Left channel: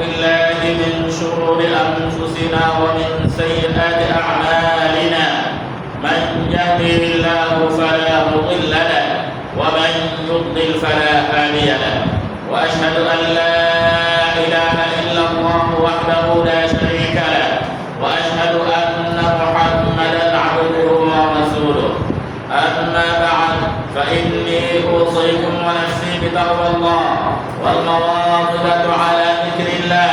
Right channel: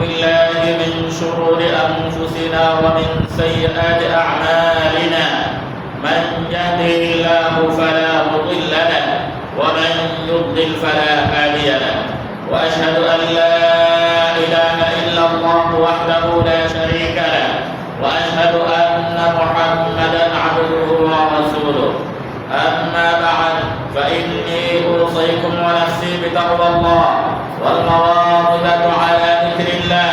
بالله من شرور أنفسنا ومن سيئات أعمالنا من يهده الله فلا مضل له ومن يضلل فلا هادي له وأشهد أن لا إله إلا الله وحده لا شريك له وأشهد أن محمدا عبده ورسوله أما بعد فإني أوصيكم ونفسي بتقوى الله والمواظبة على ذكر الله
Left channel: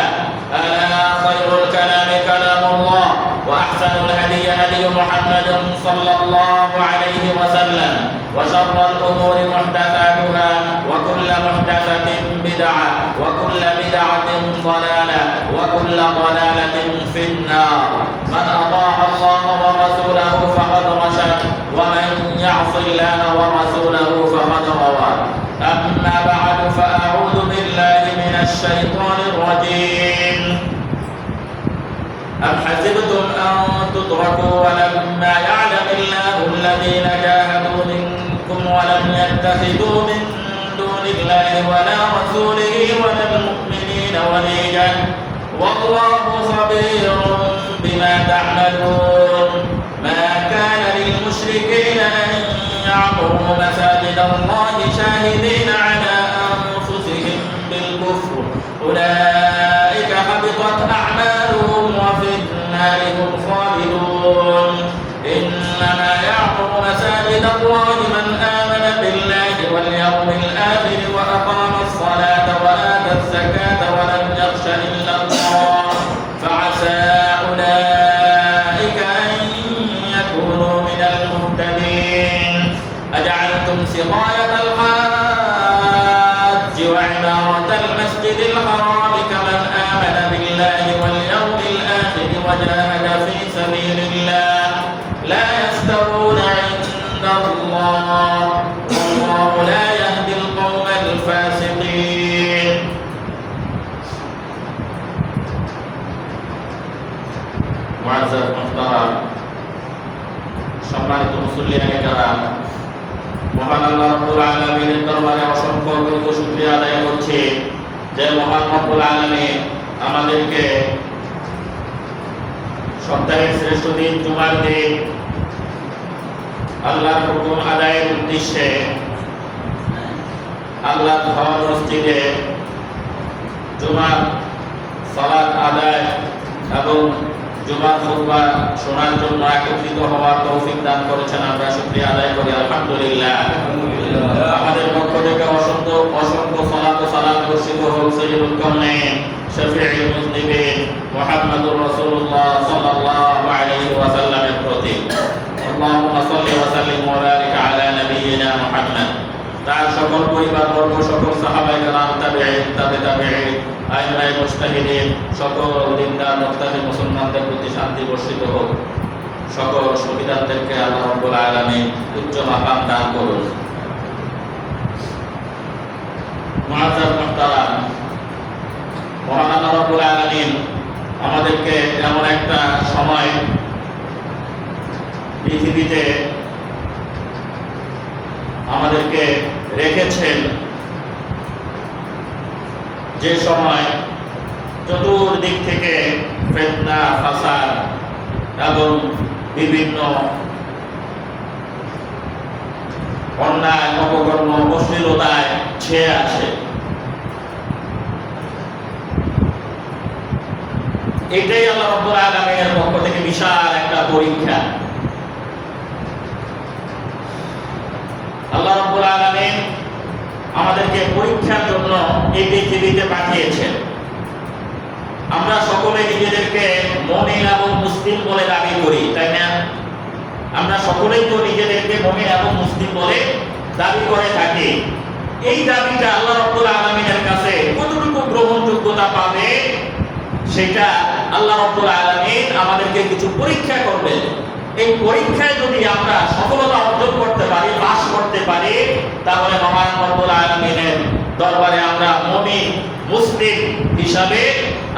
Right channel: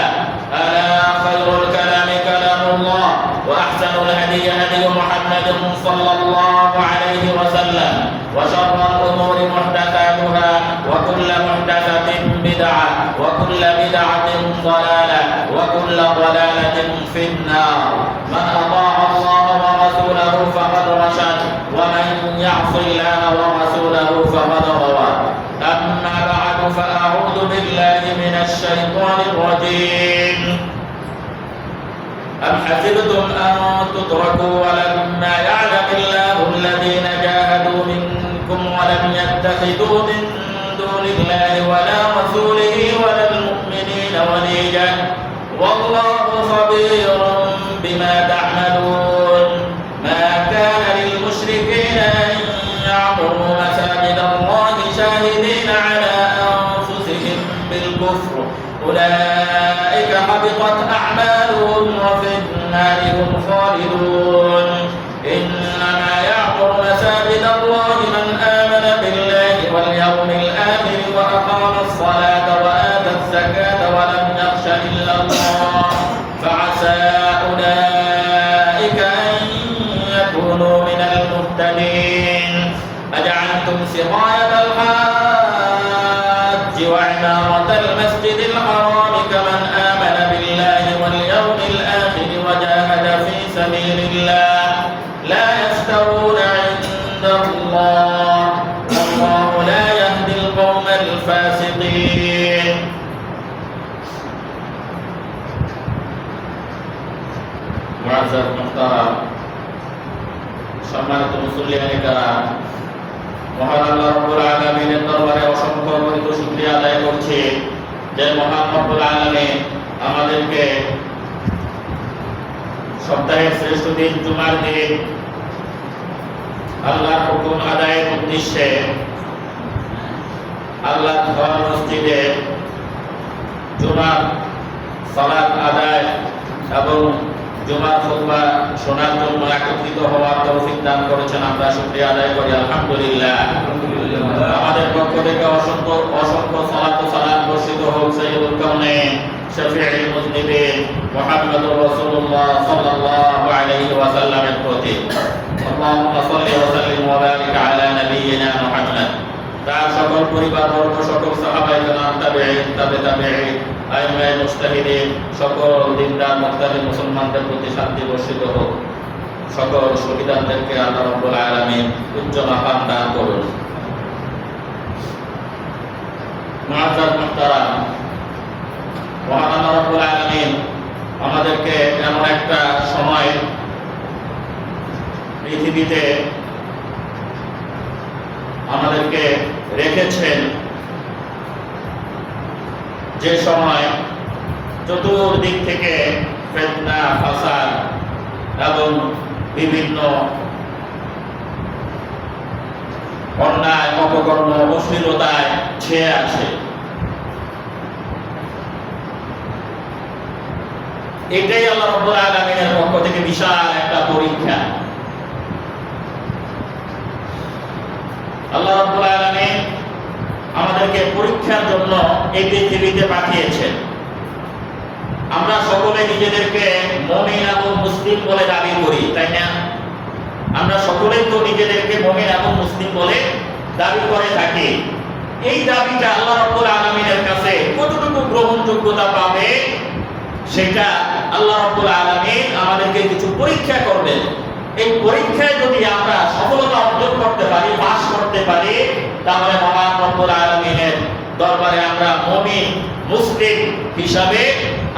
ألا خير الكلام كلام الله وأحسن الهدي هدي محمد صلى الله عليه وسلم وشر الأمور محدثاتها وكل محدثة بدعة وكل بدعة ضلالة وكل ضلالة في النار من أطاع الله ورسوله فقد رشد ومن يعص الله ورسوله فقد غوى أما بعد فأعوذ بالله من الشيطان الرجيم أم حسبتم أن تتركوا ولما يعلم الله الذين جاهدوا منكم ولم يتخذوا من دون الله ولا رسوله ولا المؤمنين وليجا والله خبير بما تعملون ما كان للمشركين أن يعمروا مساجد الله شاهدين على أنفسهم بالكفر أولئك حبطت أعمالهم وفي النار هم خالدون إنما يعمر مساجد الله من آمن بالله واليوم الآخر وأقام الصلاة وآتى الزكاة ولم يخش إلا الله فعسى أولئك أن يكونوا من المهتدين أجعلتم سقاية الحاج وعمارة المسجد الحرام كمن آمن بالله واليوم الآخر وجاهد في سبيل الله لا يستوون عند الله والله لا يهدي القوم الفاسقين معزز محترم সম্মানিত মুসল্লিয়ানে কেরাম মহান আল্লাহ রাব্বুল আলামিনের দরবারে অসংখ্য অগণিত শুকরিয়া আদায় করছি যে মহান রব্বুল আলামিন আমাদেরকে সপ্তাহের শ্রেষ্ঠ দিন জুমার দিন আল্লাহর হুকুম আদায়ের উদ্দেশ্যে আল্লাহর ঘর মসজিদে জুমার সালাত আদায় এবং জুমার খুতবা শোনার জন্য একত্রিত হওয়ার তৌফিক দান করেছেন আমরা শুকরিয়া আদায় করি আলহামদুলিল্লাহ আমাদের পক্ষ থেকে অসংখ্য অসংখ্য সালাত ও সালাম বর্ষিত হোক সাইয়্যিদুল কাউনাইন শাফিউল মুযনিবিন মুহাম্মদুর রাসূলুল্লাহ সাল্লাল্লাহু আলাইহি ওয়াসাল্লামের প্রতি আল্লাহুম্মা সাল্লি ওয়া সাল্লিম ওয়া বারিক আলা নাবিয়িনা মুহাম্মদ তার সকল পরিবারবর্গ সকল সাহাবায়ে কেরাম তাবেঈন তাবেঈন আইমায়ে মুজতাহিদিন সকল দিনদার মুত্তাকি মুসলমানদের প্রতি শান্তি বর্ষিত হোক সকল শহীদদেরকে আল্লাহ রাব্বুল আলামিন উচ্চ মাকাম দান করুন মুআজ্জাজ মুহতারাম মহান আল্লাহ রাব্বুল আলামিন আমাদেরকে এমন একটা সময় পৃথিবীতে আমাদেরকে রেখেছেন যে সময় চতুর্দিক থেকে ফিতনা ফাসাদ এবং বিভিন্ন অন্যায় অপকর্ম অশ্লীলতায় ছেয়ে আছে এটাই আল্লাহ রাব্বুল আলামিনের পক্ষ থেকে বিশাল একটা পরীক্ষা আল্লাহ রাব্বুল আলামিন আমাদেরকে পরীক্ষার জন্য এই পৃথিবীতে পাঠিয়েছেন আমরা সকলে নিজেদেরকে মুমিন এবং মুসলিম বলে দাবি করি তাই না আমরা সকলেই তো নিজেদেরকে মুমিন এবং মুসলিম বলে দাবি করে থাকি এই দাবিটা আল্লাহ রাব্বুল আলামিনের কাছে কতটুকু গ্রহণযোগ্যতা পাবে সেটা আল্লাহ রাব্বুল আলামিন আমাদেরকে কিছু পরীক্ষা করবেন এই পরীক্ষায় যদি আমরা সফলতা অর্জন করতে পারি পাস করতে পারি তাহলে মহান রব্বুল আলামিনের দরবারে আমরা মুমিন মুসলিম হিসাবে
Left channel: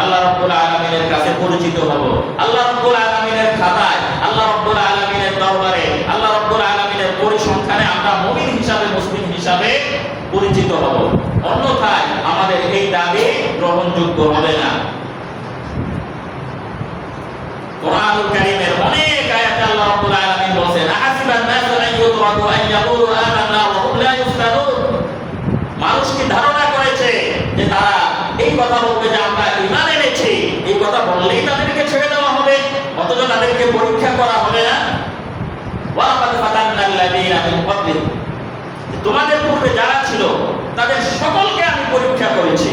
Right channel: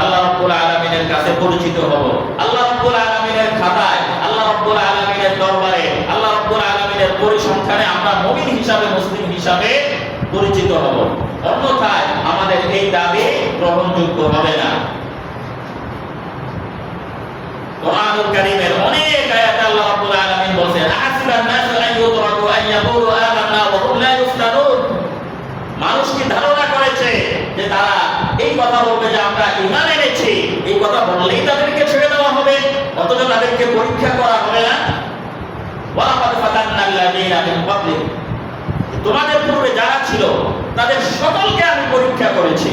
আল্লাহ রাব্বুল আলামিনের কাছে পরিচিত হব আল্লাহ রাব্বুল আলামিনের খাতায় আল্লাহ রাব্বুল আলামিনের দরবারে আল্লাহ রাব্বুল আলামিনের পরিসংখ্যানে আমরা মুমিন হিসাবে মুসলিম হিসাবে পরিচিত হব, অন্যথায় আমাদের এই দাবি গ্রহণযোগ্য হবে না। কোরআনুল কারীমের অনেক আয়াতে আল্লাহ রাব্বুল আলামিন বলেন, আহাসিবান নাসু আন ইউতরাকু আন ইয়াকুলু আমান্না ওয়া হুম লা ইফতানুন। মানুষ কি ধারণা করেছে যে তারা এই কথা বলবে যে আমরা ঈমান এনেছি, এই কথা বললেই তাদেরকে ছেড়ে দেওয়া হবে, অথচ তাদেরকে পরীক্ষা করা হবে না? ওয়া লাকাদ ফাতান্নাল্লাযীনা মিন ক্বাবলিকুম, তোমাদের পূর্বে যারা ছিল তাদের সকলকে আমি পরীক্ষা করেছি।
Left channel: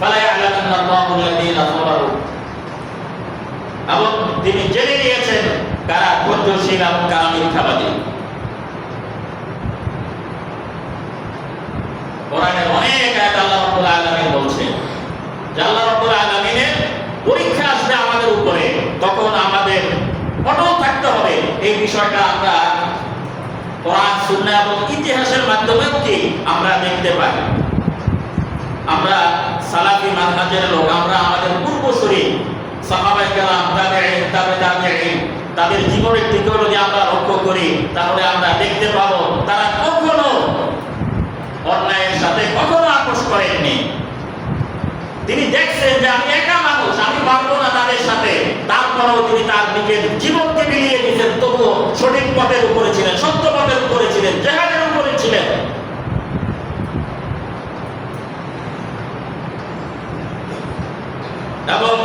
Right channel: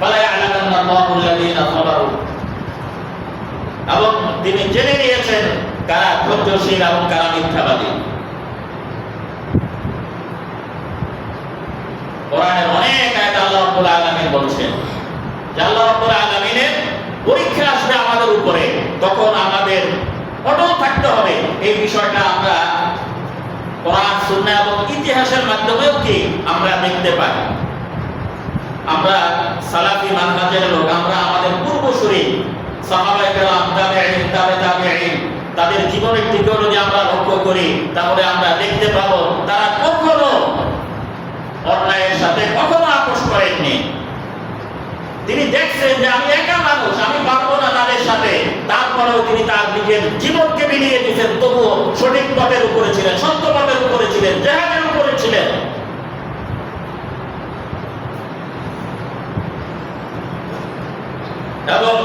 ফালা ইয়ালামান্নাল্লাহু আল্লাযীনা সাবারু, এবং তিনি জেনে নিয়েছেন কারা ধৈর্যশীল এবং কারা মিথ্যাবাদী। কোরআনের অনেক আয়াত আল্লাহ রাব্বুল আলামিন বলছেন যে আল্লাহ রাব্বুল আলামিনের পরীক্ষা আসবে আমাদের উপরে, তখন আমাদের অটল থাকতে হবে। এই বিষয়টা আমরা কোরআন, সুন্নাহ এবং ইতিহাসের মাধ্যমেও কি আমরা দেখতে পাই। আমরা সালাফি মানহাজের লোক, আমরা আমাদের পূর্বসূরি সাহাবায়ে কেরাম, তাবেঈন, তাবেঈন, তাদের জীবনের দিকে যদি আমরা লক্ষ্য করি, তাহলে আমরা দেখতে পাবো তারা কখনো অন্যায়ের সাথে কখনো আপোষ করেননি। তিনি দেখছেন যে আমি একা মানুষ, আমি পারবো না তাদের সাথে, তারপরেও তিনি তার নিজের জীবনকে বিলিয়ে দিয়েছেন, তবুও সঠিক পথের উপরে ছিলেন, সত্য পথের উপরে ছিলেন, জিহাদের উপরে ছিলেন। এবং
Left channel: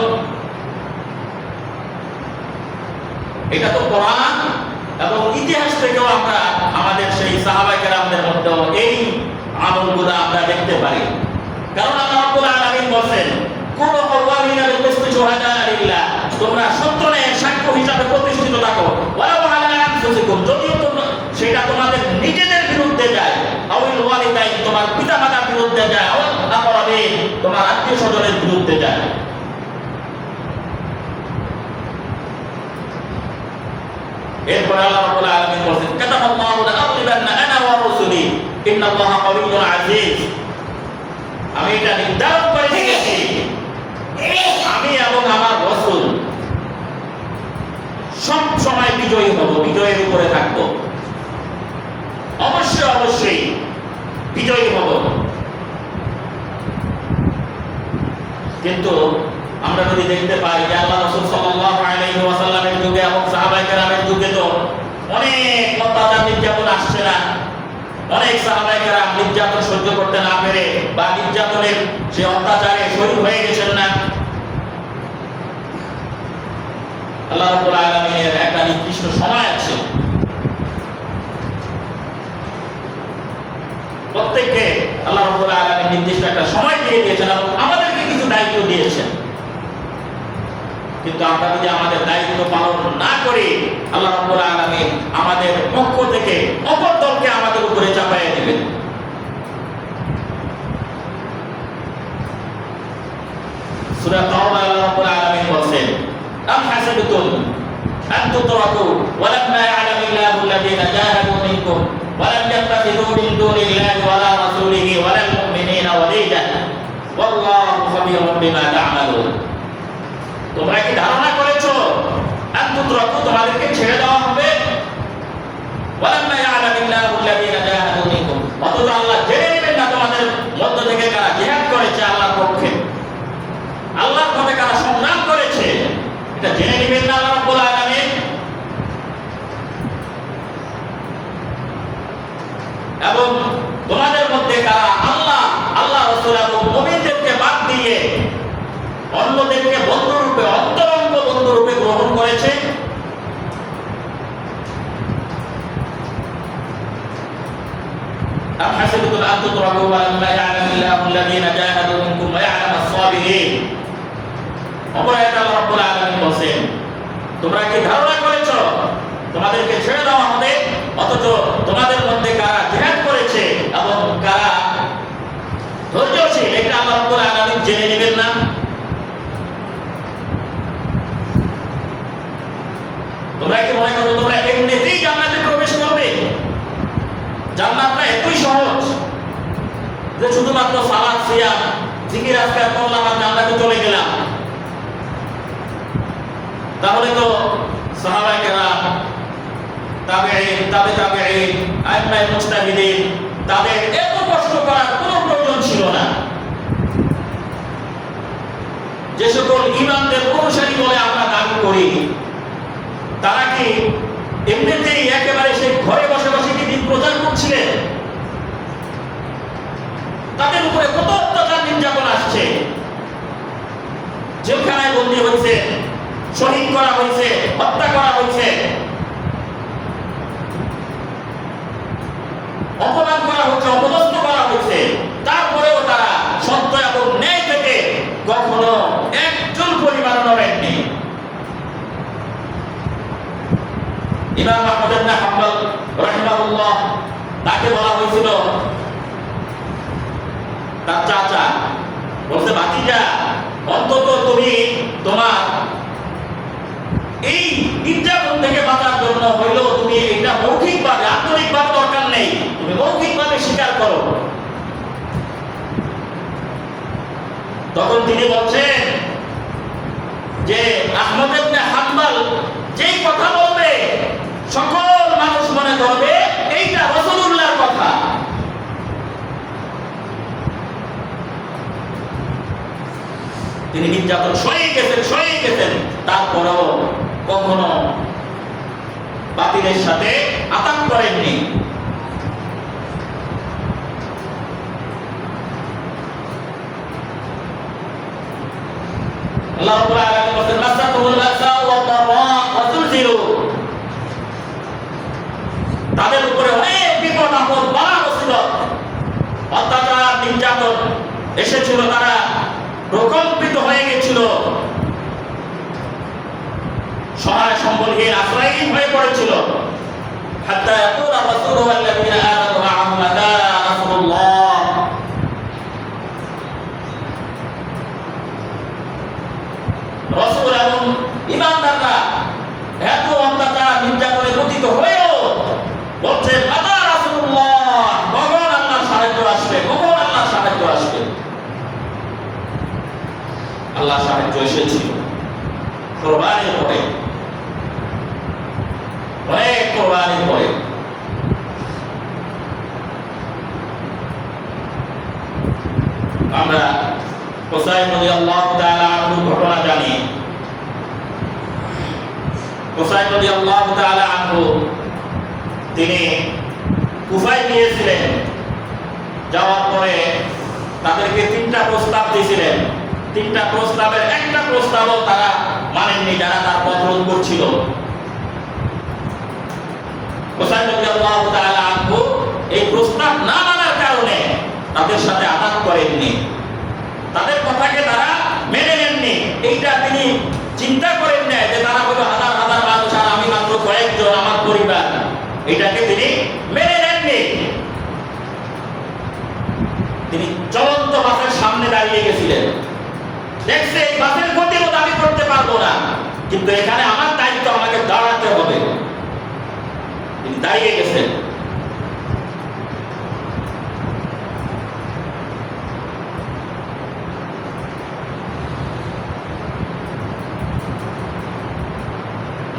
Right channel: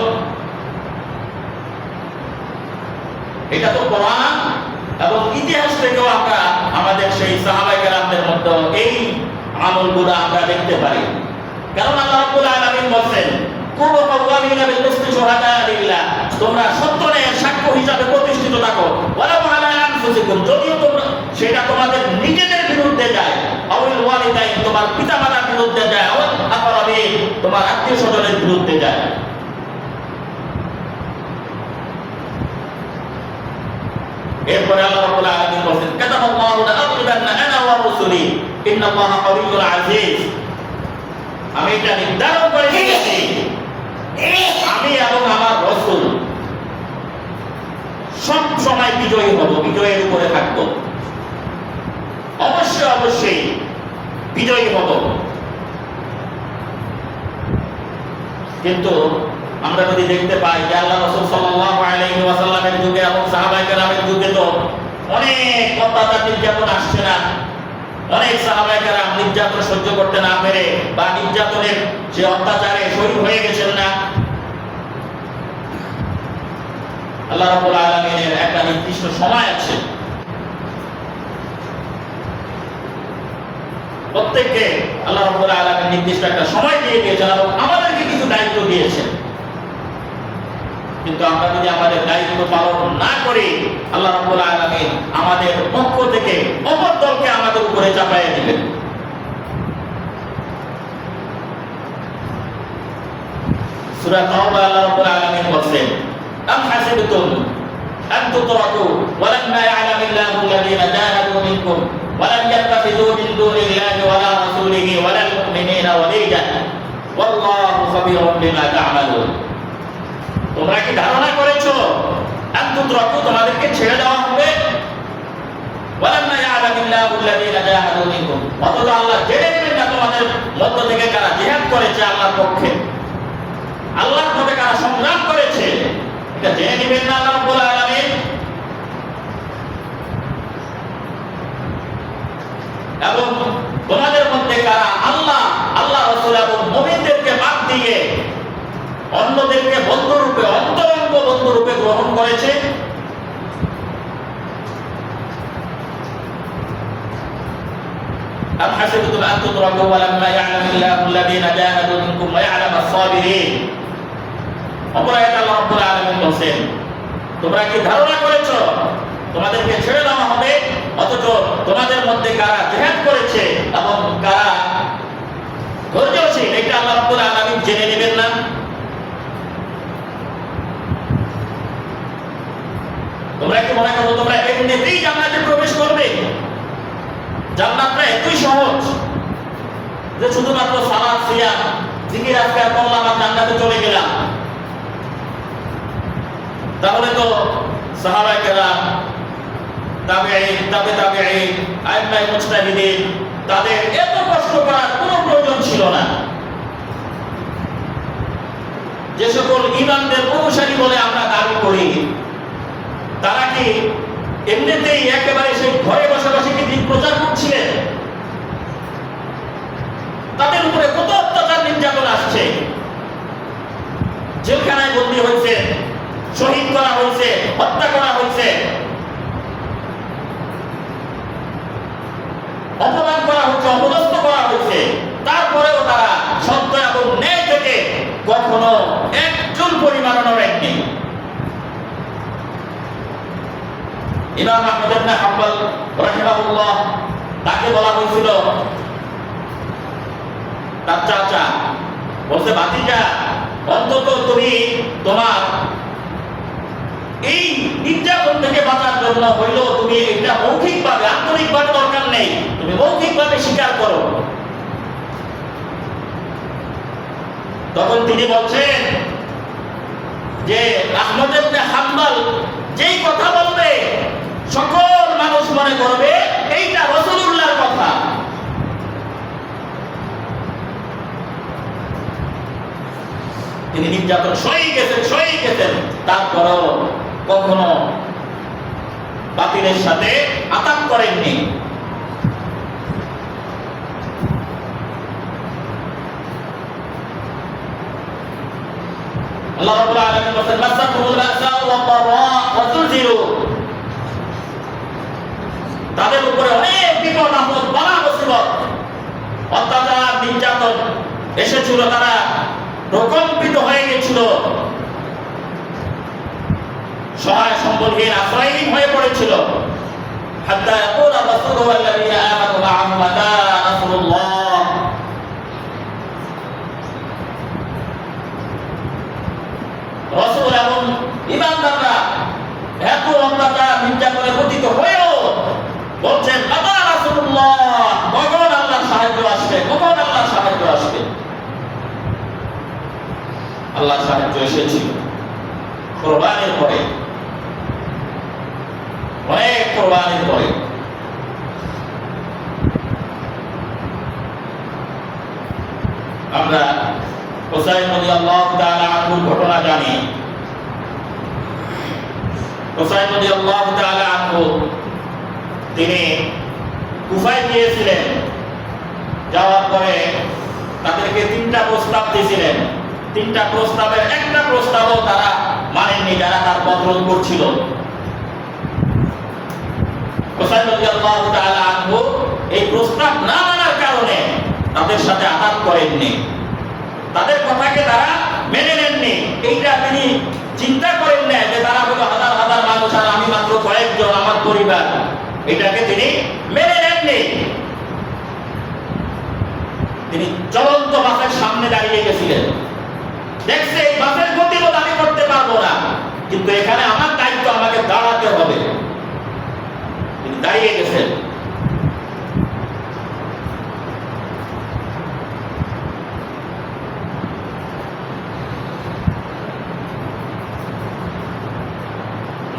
এটা তো কোরআন এবং ইতিহাস থেকেও আমরা আমাদের সেই সাহাবায়ে কেরামদের মধ্যে এই আমলগুলো আমরা দেখতে পারি। কারণ আল্লাহ রাব্বুল আলামিন বলেন, কুনু কাওয়ামিনা বিল কিসতি শুহাদা লিল্লাহ, তোমরা সত্য ন্যায়ের সাক্ষ্য হিসাবে প্রতিষ্ঠিত থাকো। ওয়ালাউ আলা আনফুসিকুম, যদিও তোমরা সেটা তোমাদের নিজেদের বিরুদ্ধে যায়, আউল ওয়ালিদাইন, তোমার পিতামাতার বিরুদ্ধে যায়, আউল আকরাবিন, তোমার আত্মীয়-স্বজনের বিরুদ্ধে যায়। এরপরে আল্লাহ রাব্বুল আলামিন বলেন, কাতাবাল্লাহু লাআগলিবান্না আনা ওয়া রাসূলি ইন্নাল্লাহা কাওয়িয়্যুন আজিজ, আমি এটা নির্ধারণ করে নিয়েছি, আমি এবং আমার রাসূল সব সময় বিজয়ী হব, বিজয়ের উপরে থাকব, অবশ্যই অবশ্যই বিজয়ী হব। কিন্তু আমরা যদি দেখতে পাই যে আল্লাহ রাসূল সাল্লাল্লাহু আলাইহি ওয়াসাল্লামের যুগে এবং সাহাবায়ে কেরামের যুগে তো অনেক অত্যাচার নির্যাতন আসছে না? অনেক সাহাবায়ে কেরাম নির্যাতন সহ্য করতে না পেরে বা নির্যাতনের যে অত্যাচারে শহীদ হয়ে গেছেন না? আল্লাহ রাব্বুল আলামিনের একটা নির্দিষ্ট সময় আছে, প্রত্যেককে আল্লাহ রাব্বুল আলামিন নির্দিষ্ট একটা সময় দিয়ে দিয়েছেন এবং আমাদেরকে কিছু দায়িত্ব দিয়েছেন। কিন্তু আমরা যদি আমাদের দায়িত্ব পালন না করি, আল্লাহ রাব্বুল আলামিন আমাদের পক্ষ থেকে অপর দলকে আমাদের উপরে চাপাইয়ে দিবেন। সূরা তাওবা আল্লাহ রাব্বুল আলামিন বলেন, আম হাসিবতুম আন তুতরাকু ওয়া লাম্মা ইয়া'লামিল্লাহু আল্লাযীনা জাহাদু মিনকুম ওয়া লাম ইয়াত্তাখিযু মিন দুনিল্লাহি ওয়া লা রাসূলিহি ওয়া লাল মুমিনিনা ওয়ালিজা ওয়াল্লাহু খাবীরুম বিমা তা'মালুন। তোমরা কি ধারণা করেছো আন তুতরাকু, তোমাদেরকে ছেড়ে দেওয়া হবে? ওয়া লাম্মা ইয়া'লামিল্লাহু আল্লাযীনা জাহাদু মিনকুম, অথচ আল্লাহ জেনে নেবেন না তোমাদের মধ্য থেকে কারা জিহাদ করেছে আল্লাহর পক্ষে, আল্লাহর পথে কারা সংগ্রাম করেছে, এটা জেনে নেবেন না আল্লাহ রাব্বুল আলামিন? এবং তোমাদের মধ্যে কারা আল্লাহ, আল্লাহ রাসূল এবং মুমিনদেরকে বাদ দিয়ে অন্যদেরকে বন্ধুরূপে, অন্তরঙ্গ বন্ধুরূপে গ্রহণ করেছে? আম হাসিবতুম আন তুতরাকু ওয়া লাম্মা ইয়া'লামিল্লাহু আল্লাযীনা জাহাদু মিনকুম ওয়া ইয়া'লামাস সাবিরিন। অপর আয়াতে আল্লাহ রাব্বুল আলামিন বলেন, তোমরা কি ধারণা করেছো তোমাদেরকে ছেড়ে দেওয়া হবে, অথচ তোমাদের মধ্যে কারা জিহাদ করেছে এবং কারা ধৈর্যশীল, এটা আল্লাহ রাব্বুল আলামিন জেনে নেবেন না? তোমরা কি মনে করো তোমরা এমনিতেই জান্নাতে প্রবেশ করবে? জান্নাতটা এতই সহজ যে শুধুমাত্র সালাত, সিয়াম, জিকির, আজকার করলাম আর জান্নাতে চলে গেলাম? তাহলে তো সাহাবায়ে কেরাম, তাবেঈন, তাবেঈন, আইম্মায়ে মুজতাহিদিন, তাদের এত কষ্ট করার কোনো প্রয়োজন ছিল না। যে সকল ইমামদের অনুসারী বলে আমরা দাবি করি, তারা কি এমনিতেই একেবারে সেই ঘরে বসে বসে কি দিন প্রচার করছিলেন? তাদের উপরে কত অত্যাচার নির্যাতন আসছে, জেলখানায় বন্দী হয়েছে, শহীদ করা হয়েছে, হত্যা করা হয়েছে, অপমান করা হচ্ছে, অপদস্থ করা হয়েছে। তারপরেও তারা সত্য এবং ন্যায় থেকে কখনো একজন পরিমাণও নড়েননি। ইমাম আহমদ ইবনে হাম্বল রাহিমাহুল্লাহ, তাকে বলা হয়েছিল, তার চাচা বলছে, ভাতিজা, অন্তত তুমি তোমার এই নির্যাতন থেকে বাঁচার জন্য হইলেও তুমি এটা মৌখিকভাবে, আন্তরিকভাবে দরকার নেই, তুমি মৌখিকভাবে স্বীকার করো। তখন তিনি বলছেন যে আহমদ ইবনে হাম্বল যেই কথা বলবে সকল মানুষ মনে করবে এইটা রাসূলুল্লাহর কথা। তিনি নির্যাতন সয়ে গেছেন, তারপরও কখনো বাতিলের সাথে আতাত করেননি। আল্লাহ রাব্বুল আলামিন বলেন, মাসাকুল বাসা ওয়া দাররা ওয়া তুলজিলু, তাদের উপরে অনেক বিপদ আপদ, বালা মুসিবত, অত্যাচার, নির্যাতন এসেছিল, তারা প্রকম্পিত হয়ে গেছিল, সহায় সম্বলহীন, আশ্রয়হীন হয়ে পড়েছিল। হাত্তা ইয়াকুলা রাসূলু ওয়াল্লাযীনা আমানু মা'আহু মাতা নাসরুল্লাহ, রাসূল এবং ঈমানদাররা এত অত্যাচার নির্যাতনে পতিত হয়েও বলছেন, মাতা রাসূলুল্লাহ, কখন আল্লাহর সাহায্য আসবে, কখন আল্লাহর সাহায্য আসবে। আল্লাহর সাহায্য এসেছিল কুরবানির পরে, অনেক কুরবানির পরে। আমরা হুসাইন রাদিয়াল্লাহু তাআলা আনহুর ঘটনা জানি। হুসাইন রাদিয়াল্লাহু তাআলা আনহু তিনি কুফায় গিয়েছিলেন, যাওয়ার পরে তাদেরকে 3টা প্রস্তাব দিয়েছিলেন। 3টা প্রস্তাবের একটা প্রস্তাবও তারা মানেননি, যারা তার পথরোধ করছিল। হুসাইন রাদিয়াল্লাহু তাআলা আনহু এই প্রস্তাব না মানার কারণে তাদের সাথে আঘাত করেননি, তাদের কথাকে তারা মেনে নেননি। এইটা তিনি চিন্তা করেন না যে তারা হলো হাজার হাজার মানুষ আর আমি মাত্র কয়েকজন, আমার পরিবার, এটাকে তিনি মেনে নেননি। তিনি চলন্ত বাসের সামনে দাঁড়িয়ে গেছিলেন, দেখছে এই বাসের গতিরোধ আমি করতে পারবো না, কিন্তু এখানে আমার দায়িত্ব, আমাকে দাঁড়াতে হবে। তিনি দাঁড়িয়ে গেছেন।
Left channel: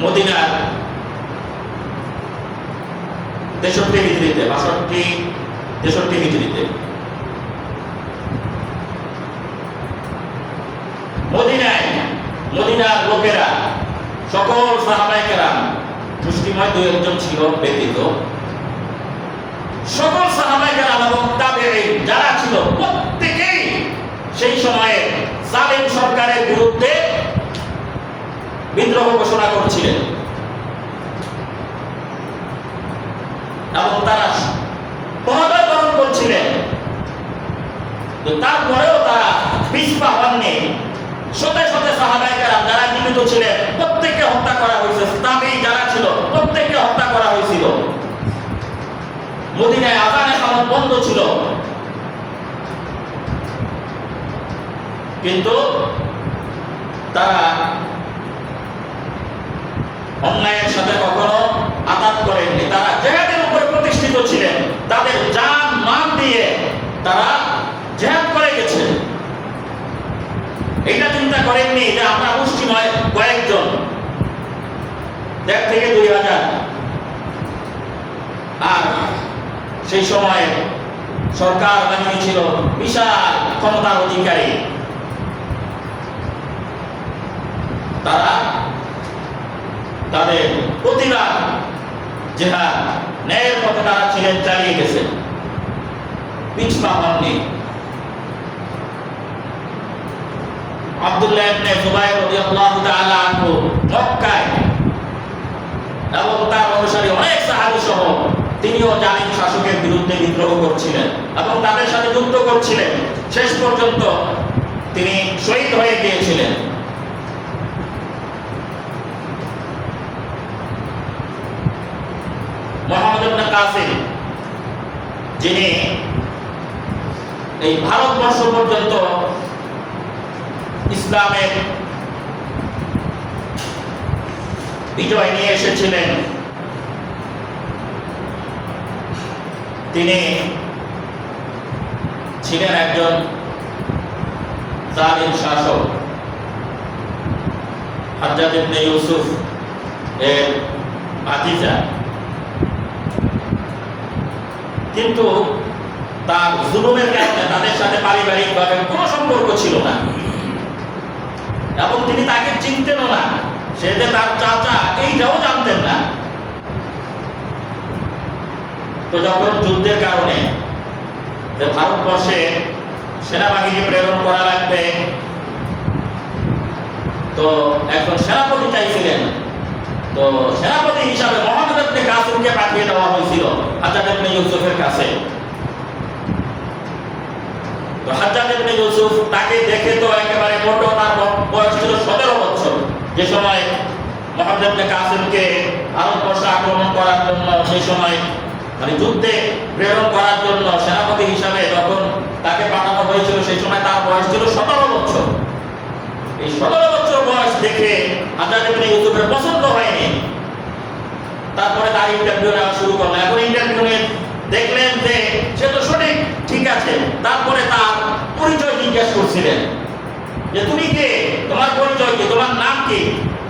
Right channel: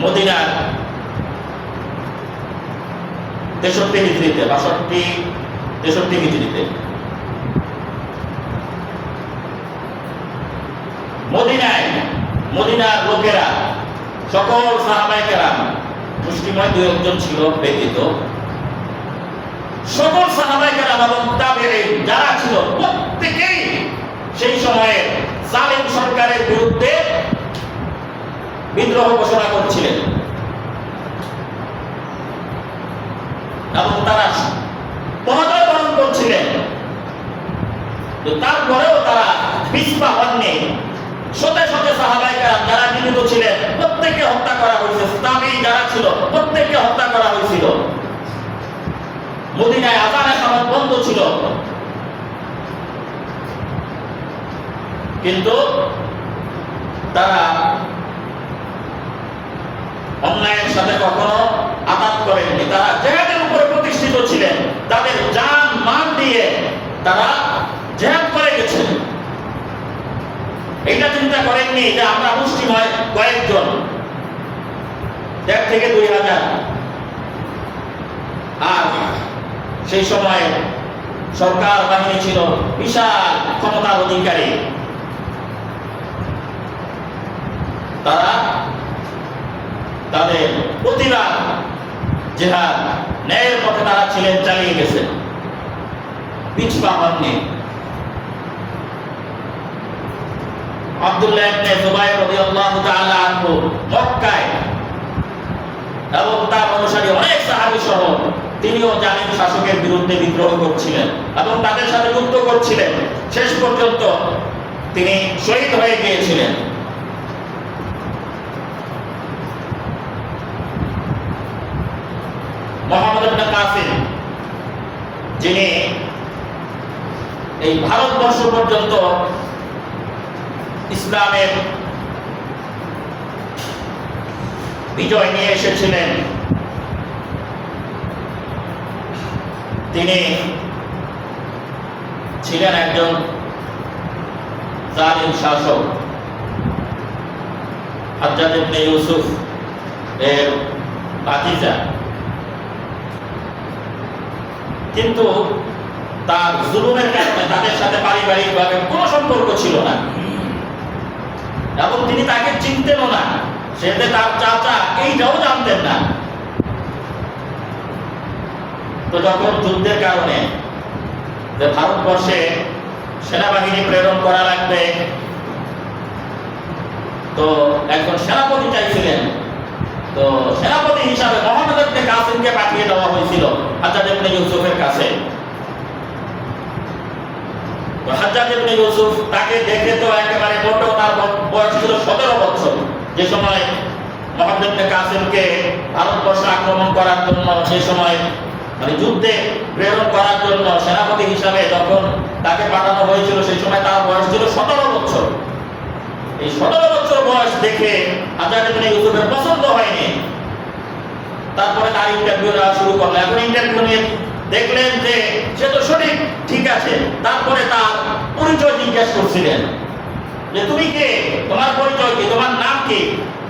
মদিনার 63 হিজরিতে, 63 হিজরিতে মদিনার লোকেরা, সকল সাহাবায়ে কেরাম, মুসলিময় 2-1 ছিল ব্যতীত, সকল সাহাবায়ে কেরাম এবং তাবেঈন যারা ছিল প্রত্যেকেই সেই সময়ে জালিম সরকারের বিরুদ্ধে বিদ্রোহ ঘোষণা করছিলেন এবং তারা পরাজয় বরণ করছিলেন। তো তারপরেও তারা পিছপা হননি। শতে শতে সাহাবায়ে কেরাম যারা জীবিত ছিলেন প্রত্যেককে হত্যা করা হয়েছে, তাবেঈ যারা ছিল প্রত্যেককে হত্যা করা হয়েছিল। মদিনায় আযানের সময় বন্ধ ছিল, কিন্তু তারা অন্যায়ের সাথে কখনো আঘাত করেননি। তারা জিহাদের উপরে প্রতিষ্ঠিত ছিলেন, তাদের জান মান দিয়ে তারা জিহাদ করে গেছেন। এইটা চিন্তা করেননি যে আমরা মুসলিম কয়েকজন, 1 থেকে 2 হাজার। আর সেই সময় সরকার বাহিনী ছিল বিশাল ক্ষমতার অধিকারী। তারা তাদের প্রতিবাদ জিহাদ ন্যায়ের পথে তারা ছিলেন, চালিয়ে গেছেন, পিছপা হননি। আব্দুল্লাহ ইবনে জুবাইর রাদিয়াল্লাহু তাআলা আনহু মক্কায় এবং তার অনুসারী অনেক সাহাবী সহ তিনিও জালিম শাসকের বিরুদ্ধে বিদ্রোহ করছিলেন এবং তাদের সাথে যুদ্ধ করছিলেন। শেষ পর্যন্ত তিনি শহীদ হয়ে গিয়েছিলেন। মুহাম্মদ ইবনে কাসিম, যিনি এই ভারতবর্ষ পর্যন্ত ইসলামের বিজয় নিয়ে এসেছিলেন, তিনি ছিলেন একজন জালিম শাসক। হাজ্জাজ ইবনে ইউসুফ এর ভাতিজা, কিন্তু তার জুলুমের কারণে তাদের সাথে পারিবারিকভাবে কোনো সম্পর্ক ছিল না এবং তিনি তাকে চিনতেনও না। সে যে তার চাচা এইটাও জানতেন না। তো যখন যুদ্ধের কারণে যে ভারতবর্ষে সেনাবাহিনী প্রেরণ করা লাগবে, তো একজন সেনাপতি চাইছিলেন। তো সেনাপতি হিসাবে মুহাম্মদ ইবনে কাসিমকে পাঠিয়ে দেওয়া হয়েছিল হাজ্জাজ ইবনে ইউসুফের কাছে। তো হাজ্জাজ ইবনে ইউসুফ তাকে দেখে তো একেবারে মোটো, তার বয়স ছিল 17 বছর। যে সময় মুহাম্মদ ইবনে কাসিমকে ভারতবর্ষ আক্রমণ করার জন্য, সেই সময় মানে যুদ্ধে প্রেরণ করার জন্য সেনাপতি হিসাবে যখন তাকে পাঠানো হয়েছিল, সেই সময় তার বয়স ছিল 17 বছর। এই 17 বছর বয়স দেখে হাজ্জাজ ইবনে ইউসুফের পছন্দ হয়নি। তারপরে তার ইন্টারভিউ নেওয়া শুরু করলেন। এখন ইন্টারভিউ নিয়ে দেখলেন যে সে তো সঠিক, ঠিক আছে। তারপরে তার পরিচয় জিজ্ঞেস করছিলেন যে তুমি কে, তোমার পরিচয় কি, তোমার নাম কি?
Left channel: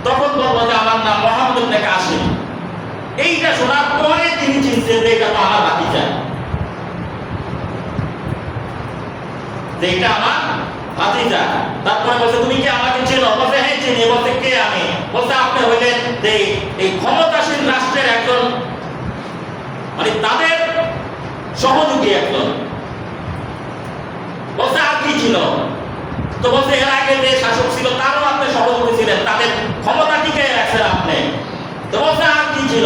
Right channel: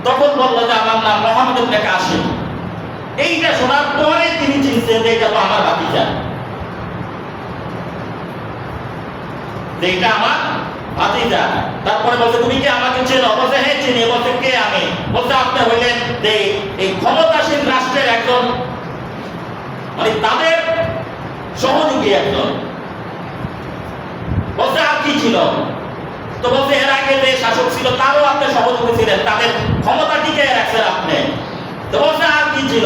তখন বলল যে আমার নাম মুহাম্মদ ইবনে কাসিম। এইটা শোনার পরে তিনি চিনতেন যে এটা তো আমার ভাতিজা, যে এটা আমার ভাতিজা। তারপরে বলছে তুমি কি আমাকে চেনো? বলছে হ্যাঁ চিনি। বলছে কে আমি? বলছে আপনি হইলেন যে এই ক্ষমতাসীন রাষ্ট্রের একজন, মানে তাদের সহযোগী একজন। বলছে আর কি ছিল? তো বলছে এর আগে যে শাসক ছিল তারও আপনি সহযোগী ছিলেন, তাদের ক্ষমতা টিকে রাখছেন আপনি। তো বলছে আর কি ছিল?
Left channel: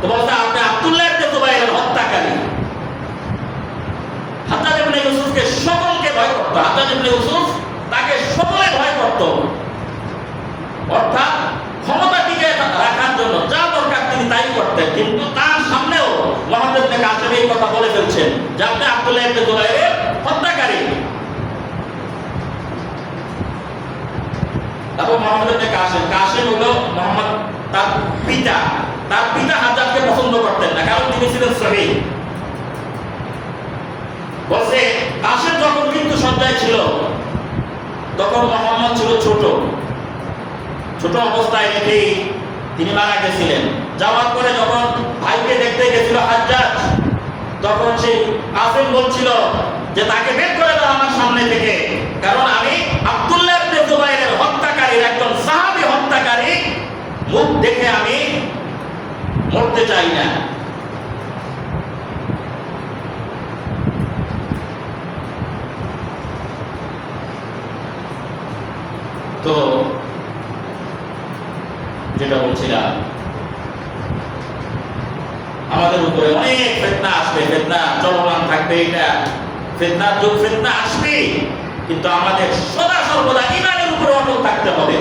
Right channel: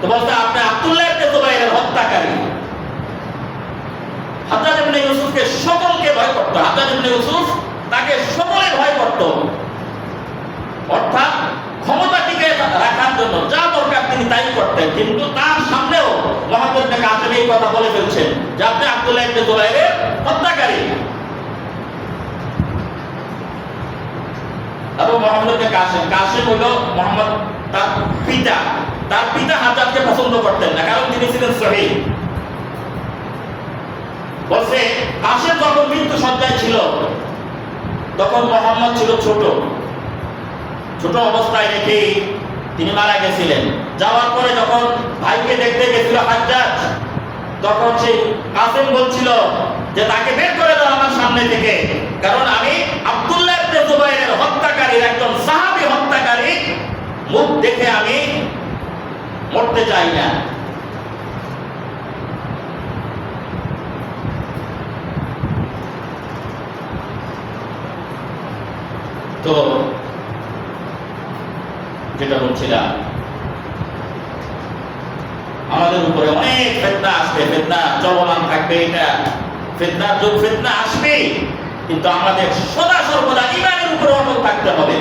তো বলছে আপনি আব্দুল্লাহ ইবনে জুবাইরের হত্যাকারী। হাজ্জাজ ইবনে ইউসুফকে সকলকে ভয় করত। হাজ্জাজ ইবনে ইউসুফ তাকে সকলে ভয় করত, অর্থাৎ ক্ষমতা টিকে রাখার জন্য যা দরকার তিনি তাই করতেন। কিন্তু তার সামনেও মুহাম্মদ ইবনে কাসিম এই কথা বলে ফেলছেন যে আপনি আব্দুল্লাহ ইবনে জুবাইরের হত্যাকারী। এবং মুহাম্মদ ইবনে কাসিম হলো মুহাম্মদ তার পিতা। তার পিতা হাজ্জাজকে পছন্দ করতেন না, কারণ তিনি ছিলেন শহীদ। বলছে কাসিম যখন মৃত্যু সজ্জায় ছিল তখন মুহাম্মদ ছিল ছোট ছোট অবস্থায় রেখেই তিনি মারা গেছিলেন। যাওয়ার পরে যখন ভাইকে দেখতে গেছিল হাজ্জাজ, তখন সেই কাসিম বলছিল যে তাকে বের করে দাও আমার সামনে থেকে, কারণ আমি আব্দুল্লাহ ইবনে জুবাইরের হত্যাকারীর একজন সাহাবী হত্যাকারী মুখ দেখে আমি মরতে চাই না। তো যেটা বলছিলাম, আমাদের উপরে অনেক ফিতনা আসবে, ফিতনা চলমান থাকবে। এটা ফিতনার যুগ, ফিতনা আসবে, কিন্তু আমাদের সদা সর্বদা ঈমানের উপরে অটল থাকতে হবে।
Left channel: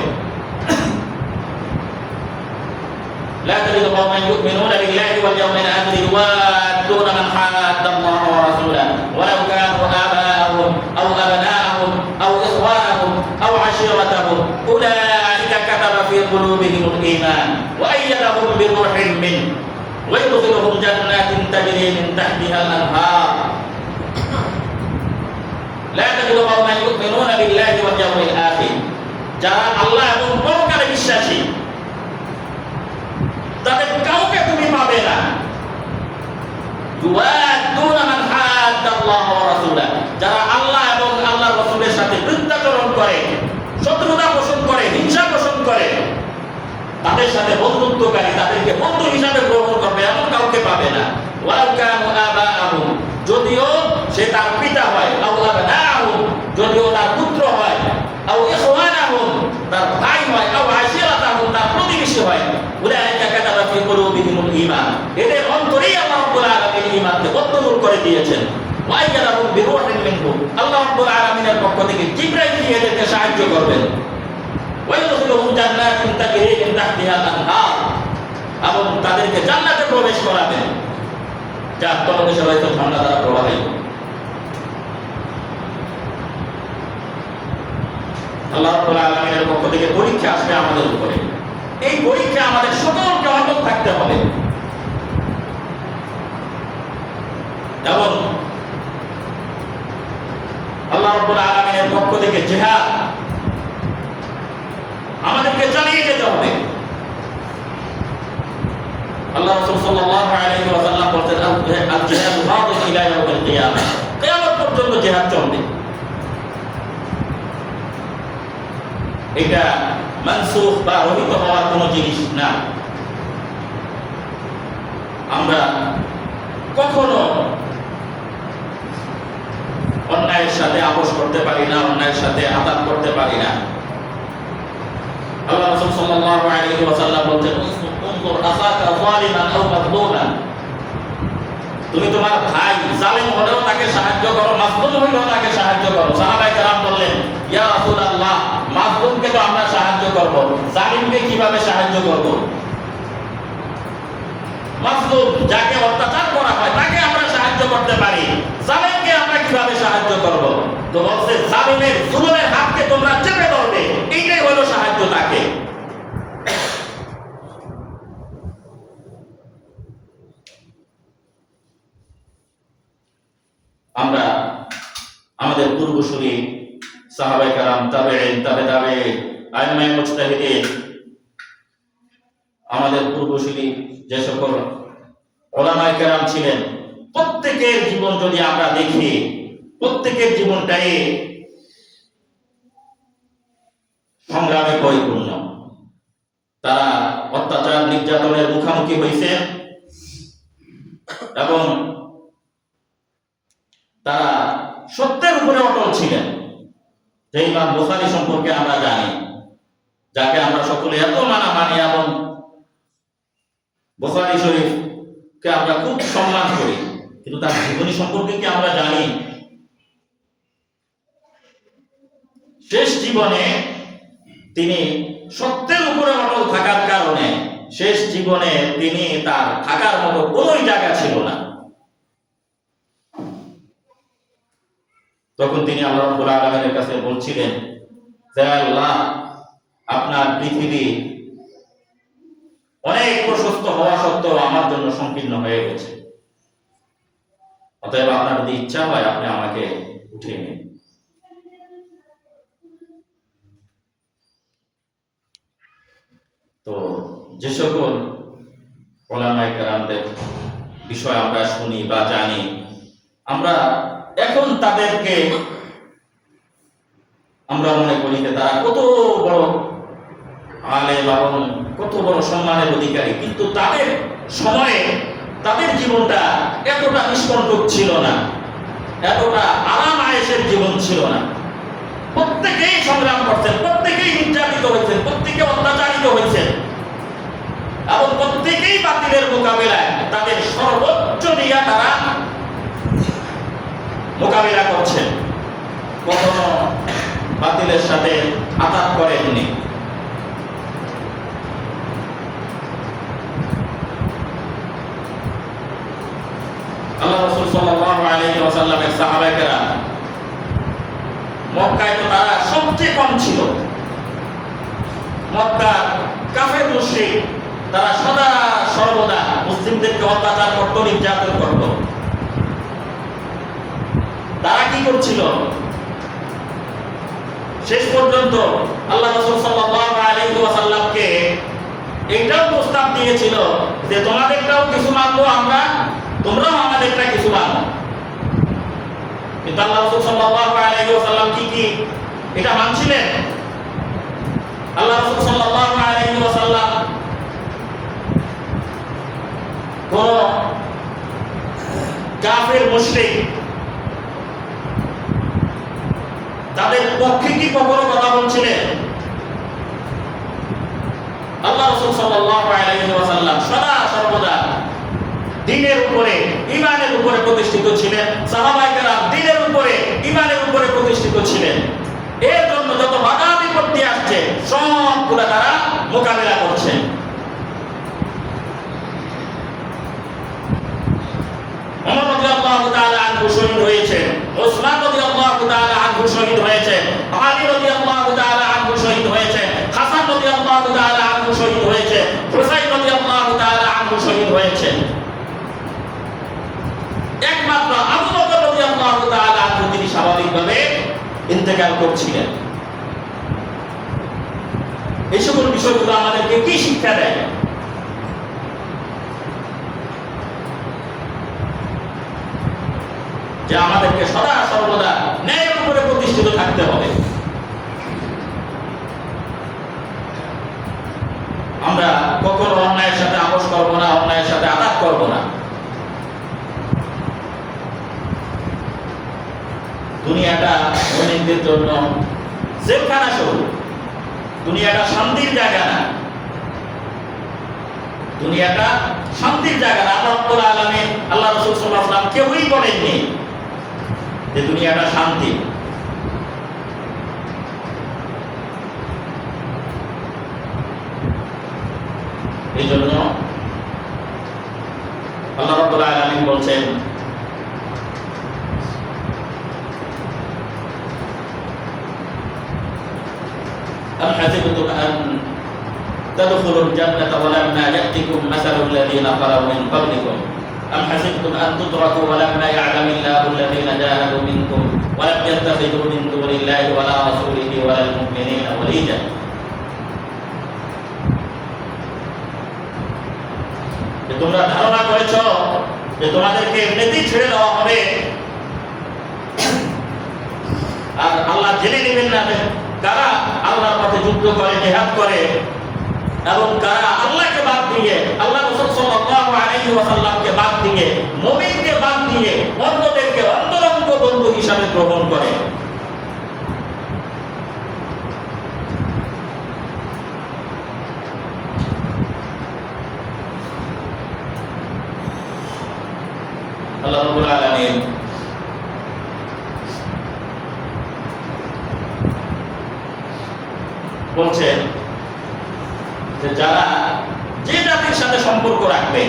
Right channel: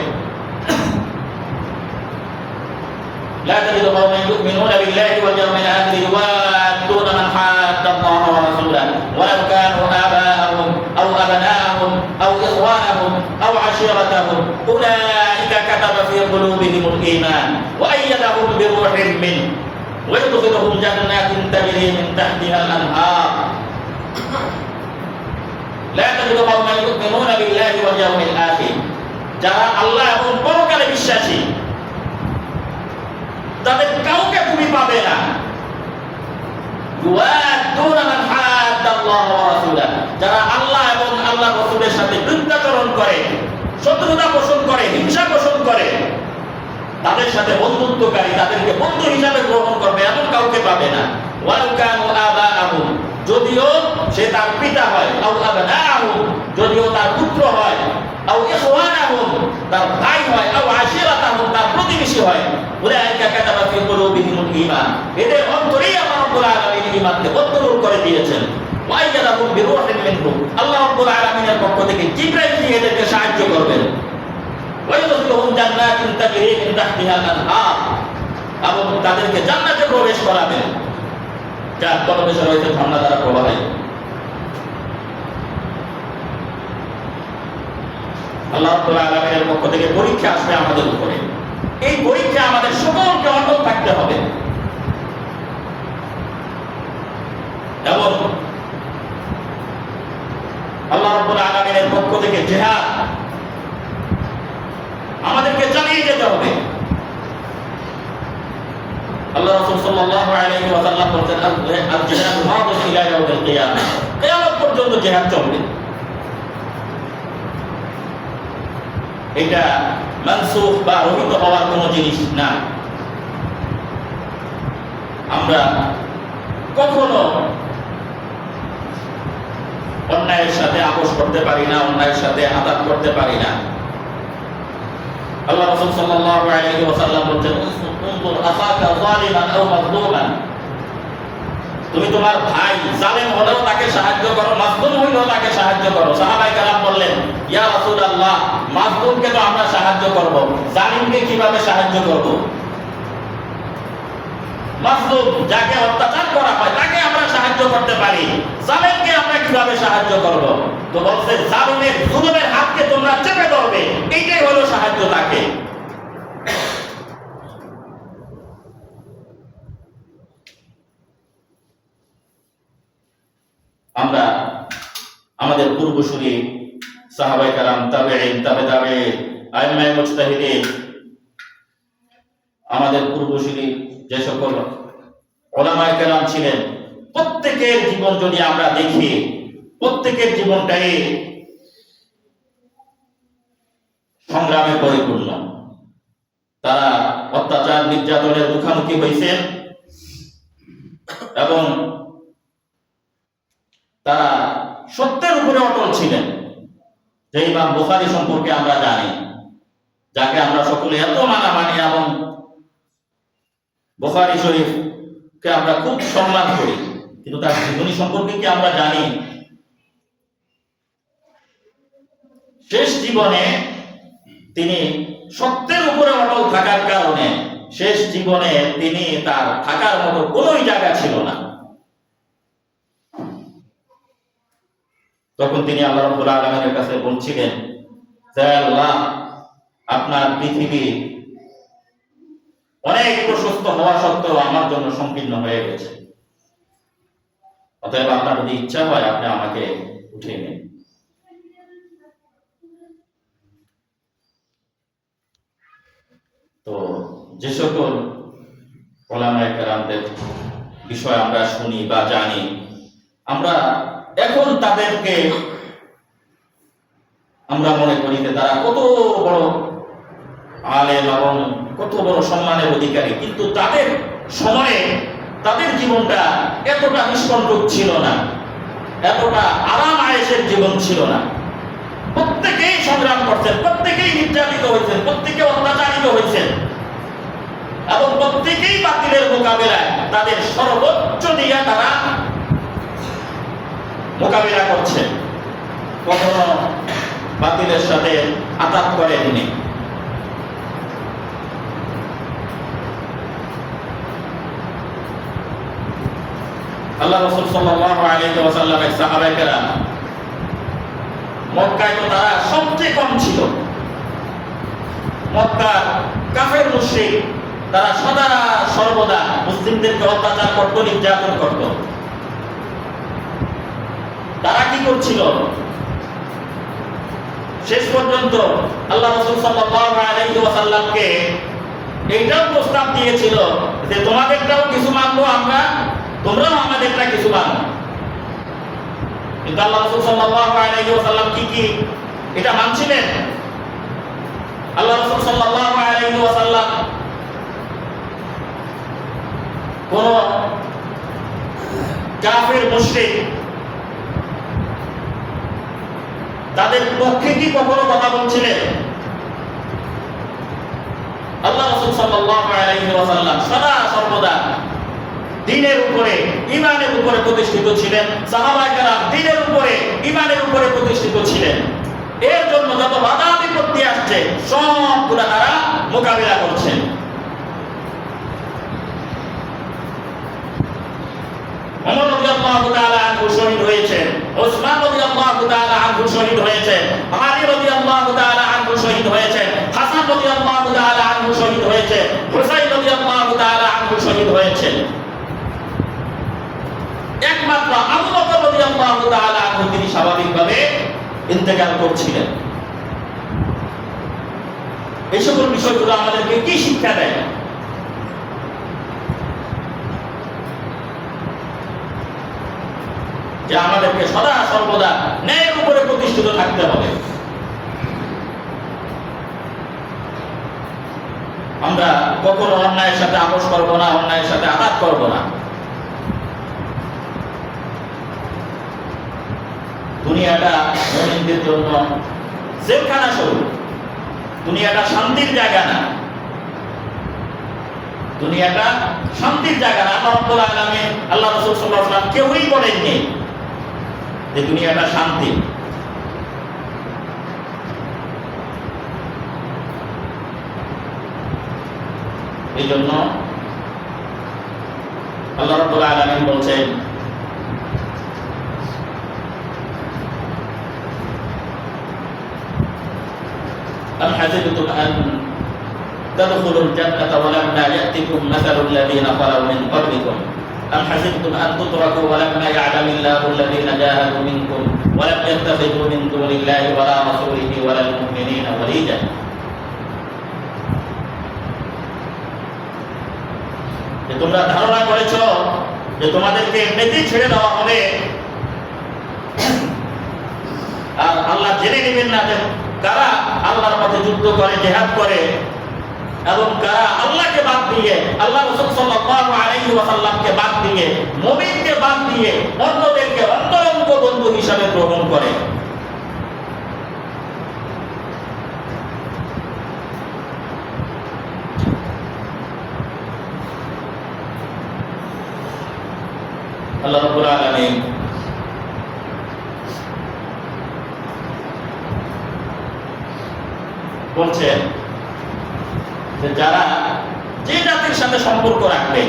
لا تجد قوما يؤمنون بالله واليوم الآخر يوادون من حاد الله ورسوله ولو كانوا آباءهم أو أبناءهم أو إخوانهم أو عشيرتهم أولئك كتب في قلوبهم الإيمان وأيدهم بروح منه ويدخلهم جنات تجري من تحتها الأنهار لا تجد قوما يؤمنون بالله واليوم الآخر যারা আল্লাহ এবং পরকালে বিশ্বাসী তাদের কাউকে তুমি পাবে না। ইউআদুনা মান হাদাল্লাহ আল্লাহ ওয়া রাসূলাহ, যারা আল্লাহ এবং আল্লাহর রাসূলের সাথে বিরুদ্ধাচরণ করে, শত্রুতা পোষণ করে, হিংসা পোষণ করে, তাদের সাথে বন্ধুত্বকারী, তাদেরকে বন্ধু হিসাবে গ্রহণ করবে এমন কাউকে পাবে না। ওয়ালাউ কানু আবাআহুম, যদিও সে তার পিতা হয়, আও আবনাআহুম, যদিও তার পুত্র হয়, আও ইখওয়ানাহুম, তার ভাই হয়, আও আশিরাতাহুম, তার প্রতিবেশী হয়, উলাইকা কাতাবা ফি কুলুবিহিমুল ঈমান, এদের অন্তরেই আল্লাহ রাব্বুল আলামিন ঈমানকে বদ্ধমূল করে দিয়েছেন। ওয়া আইয়াদাহুম বিরূহিন মিনহু, আল্লাহ রাব্বুল আলামিনের পক্ষ থেকে জিবরাইল দিয়ে এদেরকে সাহায্য করবেন। ওয়াইদখিলুহুম জান্নাতিন তাজরি মিন তাহতিহাল আনহার, এবং তাদেরকে জান্নাতে প্রবেশ করাবেন যার তলদেশে রয়েছে ঝর্ণা দ্বারা প্রবাহিত। আল্লাহ রাব্বুল আলামিনের পক্ষ থেকে পরীক্ষা আসবে আমাদের উপরে। এই পরীক্ষা আমাদের সকলকে অটল থাকতে হবে এবং আল্লাহ রাব্বুল আলামিনের পক্ষ থেকে জিহাদ আমাদেরকে চালিয়ে যেতে হবে। আল্লাহ রাসূল সাল্লাল্লাহু আলাইহি ওয়া সাল্লাম বলেন, আল জিহাদু মাদিন ইলা ইয়াউমিল কিয়ামাহ, কিয়ামত পর্যন্ত জিহাদ চলবে। এটা মানসুখ বা রহিত হওয়ার কোনো জিনিস না। আমরা কখনো অন্যায়ের সাথে আপোষ করতে পারি না, অন্যায়ের সাথে আঘাত করতে পারি না। আল্লাহ রাসূল সাল্লাল্লাহু আলাইহি ওয়া সাল্লাম বলেন, উনজুর আসাকা যালিমান আও মাজলুমান, তুমি তোমার ভাই জালেম হলেও তাকে সাহায্য করো, মাজলুম হইলেও তাকে সাহায্য করো। সাহাবায়ে কেরাম বললেন, ইয়া রাসূলুল্লাহ, মাজলুমকে তো আমরা সাহায্য করব, জালিমকে কিভাবে সাহায্য করব? মাজলুম যাকে অত্যাচার করা হয় তাকে আমরা সাহায্য করতে পারি, জালেমকে আমরা কিভাবে সাহায্য করব? তো বলছে, জালিমের জুলুমের হাতকে তোমরা চেপে ধরবে, এইটাই হলো সাহায্য তাকে। আমরা আমাদের পূর্বসূরি সাহাবায়ে কেরাম, তাবেঈন, তাবেঈন, আইম্মায়ে মুজতাহিদিন, আমাদের পূর্বসূরি যে সকল উলামায়ে কেরাম ছিলেন, প্রত্যেকের জীবন যদি আমরা দেখি, প্রত্যেকের জীবনটাই সংগ্রামে পরিপূর্ণ। তারা অত্যাচার নির্যাতনের মুখোমুখি হয়েছেন এবং তারা সত্যের উপরে অটল ছিলেন। যে ইমাম বুখারী সম্পর্কে আমরা জানি, যাকে আমরা সকলে এত মানি এবং বুখারী শরীফকে আমরা খুব সম্মান করি, কিন্তু তার জীবনী সম্পর্কে কি আমরা জানি? শেষ জীবনে তিনি সত্যের উপরে অটল থাকার কারণে শেষ জীবনে তিনি তার থাকার মতো কোনো জায়গা ছিল না। তখন তিনি আল্লাহ রাব্বুল আলামিনের কাছে বলছিলেন যে, আল্লাহ, আপনার পৃথিবী অনেক প্রশস্ত হওয়া সত্ত্বেও আমার জন্য সংকীর্ণ হয়ে গেছে, অতএব আপনার যদি ইচ্ছা হয় আপনি আমাকে উঠিয়ে নিন। তো যে সকল উলামায়ে কেরামদের বিষয় আমরা শুনি বা জানি, আমরা এখন তাদেরকে আমরা মনে করি যে তারা কত বড় আলেম এবং কত বড় সম্মানের অধিকারী, কিন্তু তাদের সময়ে তাদের জীবনটা এতটা নিষ্কণ্টক ছিল না, এতটা আরাম আয়েশের জীবন ছিল না। প্রত্যেকেই সংগ্রাম করছেন, প্রত্যেকেই নির্যাতিত হয়েছেন, প্রত্যেকে অত্যাচারিত হয়েছেন এবং প্রত্যেকেই বাতিলের মোকাবিলায় তাদের সর্বোচ্চ দিয়ে তারা মোকাবিলা করছেন, কখনো বাতিলের সাথে আঘাত করেননি। আল্লাহ রাসূল সাল্লাল্লাহু আলাইহি ওয়াসাল্লামের সাহাবায়ে কেরাম, মক্কায় তো তারা সবচেয়ে কম ছিল। মক্কার কাফের মুশরিক তারা সদা সর্বদা মুসলিমদেরকে অত্যাচার করত, নির্যাতন করত। তারা কি করছিল? শেষ পর্যন্ত আল্লাহ রাসূল সাল্লাল্লাহু আলাইহি ওয়াসাল্লামকে এইটাও প্রস্তাব দিয়েছিল যে তোমাদেরটাও কিছু মানবো আমরা, তোমরাও আমাদেরটা কিছু মানো। কিন্তু আল্লাহ রাসূল সাল্লাল্লাহু আলাইহি ওয়াসাল্লাম কি এটা মানছিলেন? আল্লাহ রাসূল সাল্লাল্লাহু আলাইহি ওয়াসাল্লাম কোন কাফের মুশরিক তাদের পক্ষে কি কখনো কথা বলছিলেন? আল্লাহ রাসূল সাল্লাল্লাহু আলাইহি ওয়াসাল্লাম সদা সর্বদা দ্বীনের উপরে ঈমানের উপরে প্রতিষ্ঠিত ছিলেন। সাহাবায়ে কেরাম দ্বীনের উপরে ঈমানের উপরে প্রতিষ্ঠিত ছিলেন। এর জন্য যত বাধা বিপত্তি আসছে সবগুলা তারা মোকাবিলা করছেন। ওমর রাদিয়াল্লাহু তাআলা আনহু শহীদ হয়েছেন, ওসমান রাদিয়াল্লাহু তাআলা আনহু শহীদ হয়েছেন, আলী রাদিয়াল্লাহু তাআলা আনহু শহীদ হয়েছেন, হাসান রাদিয়াল্লাহু তাআলা আনহু শহীদ হয়েছেন, হুসাইন রাদিয়াল্লাহু তাআলা আনহু শহীদ হয়েছেন। একমাত্র আবু বকর রাদিয়াল্লাহু তাআলা আনহু তিনি স্বাভাবিকভাবে ইন্তেকাল করছিলেন। এই সকল বিষয়গুলো আমাদেরকে কি শিক্ষা দেয়? যে আমাদেরকে সদা সর্বদা ন্যায়ের উপরে প্রতিষ্ঠিত থাকতে হবে। আমরা কখনো অন্যায়ের সাথে আপোষ করব না, অন্যায়ের সাথে আঘাত করব না। দুনিয়াটা মুমিনদের জন্য জেলখানা স্বরূপ, দুনিয়াটা শান্তির জায়গা না, দুনিয়াটা শান্তির জায়গা না। আল্লাহ রাব্বুল আলামিন, আল্লাহ রাসূল সাল্লাল্লাহু আলাইহি ওয়াসাল্লাম কেউই বলেননি যে দুনিয়াটা শান্তি। এই জন্য আল্লাহ রাব্বুল আলামিন বলছেন, أم حسبتم أن تدخلوا الجنة ولما يأتكم مثل الذين خلوا من قبلكم أم حسبتم أن تتركوا ولما يعلم الله الذين جاهدوا منكم ولم يتخذوا من دون الله ولا رسوله ولا المؤمنين وليجا। যে তোমরা ধারণা করেছো যে তোমাদেরকে এমনিতেই ছেড়ে দেওয়া হবে, আর আল্লাহ জেনে নেবেন না যে কারা আল্লাহর পথে যুদ্ধ করে, জিহাদ করে, এবং কারা আল্লাহকে বাদ দিয়ে, আল্লাহ রাসূল সাল্লাল্লাহু আলাইহি ওয়াসাল্লামকে বাদ দিয়ে, মুমিনকে বাদ দিয়ে অন্যদেরকে অন্তরঙ্গ বন্ধু হিসাবে গ্রহণ করে। আল্লাহ রাব্বুল আলামিন বলছেন যে যারা যে জাতির সাথে সম্পর্ক রাখবে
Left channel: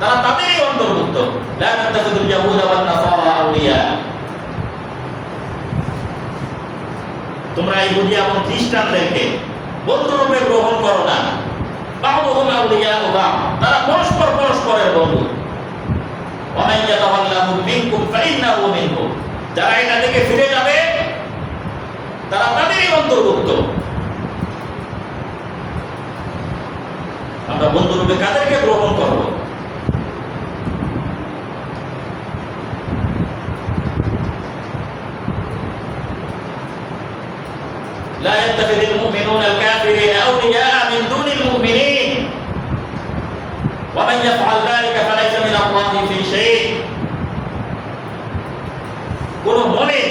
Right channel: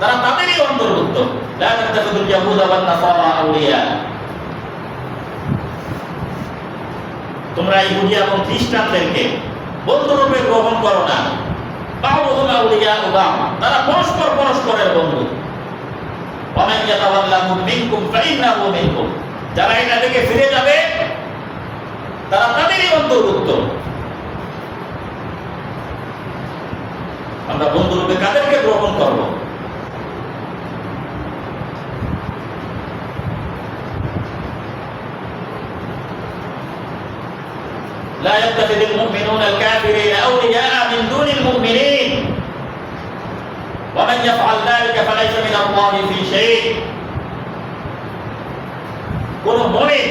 তারা তাদেরই অন্তর্ভুক্ত। লা তাত্তাখিযুল ইয়াহুদা ওয়ান নাসারা আউলিয়া, তোমরা ইহুদি এবং খ্রিস্টানদেরকে বন্ধুরূপে গ্রহণ করো না। বা'দুহুম আউলিয়া বা'দ, তারা পরস্পর পরস্পরের বন্ধু। ওয়া মান ইয়াতাওয়াল্লাহুম মিনকুম ফাইন্নাহু মিনকুম, যারা এটা থেকে ফিরে যাবে তারা তাদেরই অন্তর্ভুক্ত। আমরা বন্ধুরূপে কাদেরকে গ্রহণ করব? لا يتخذ المؤمنون الكافرين أولياء من دون المؤمنين ومن يفعل ذلك فليس من الله في شيء। কোন মুমিন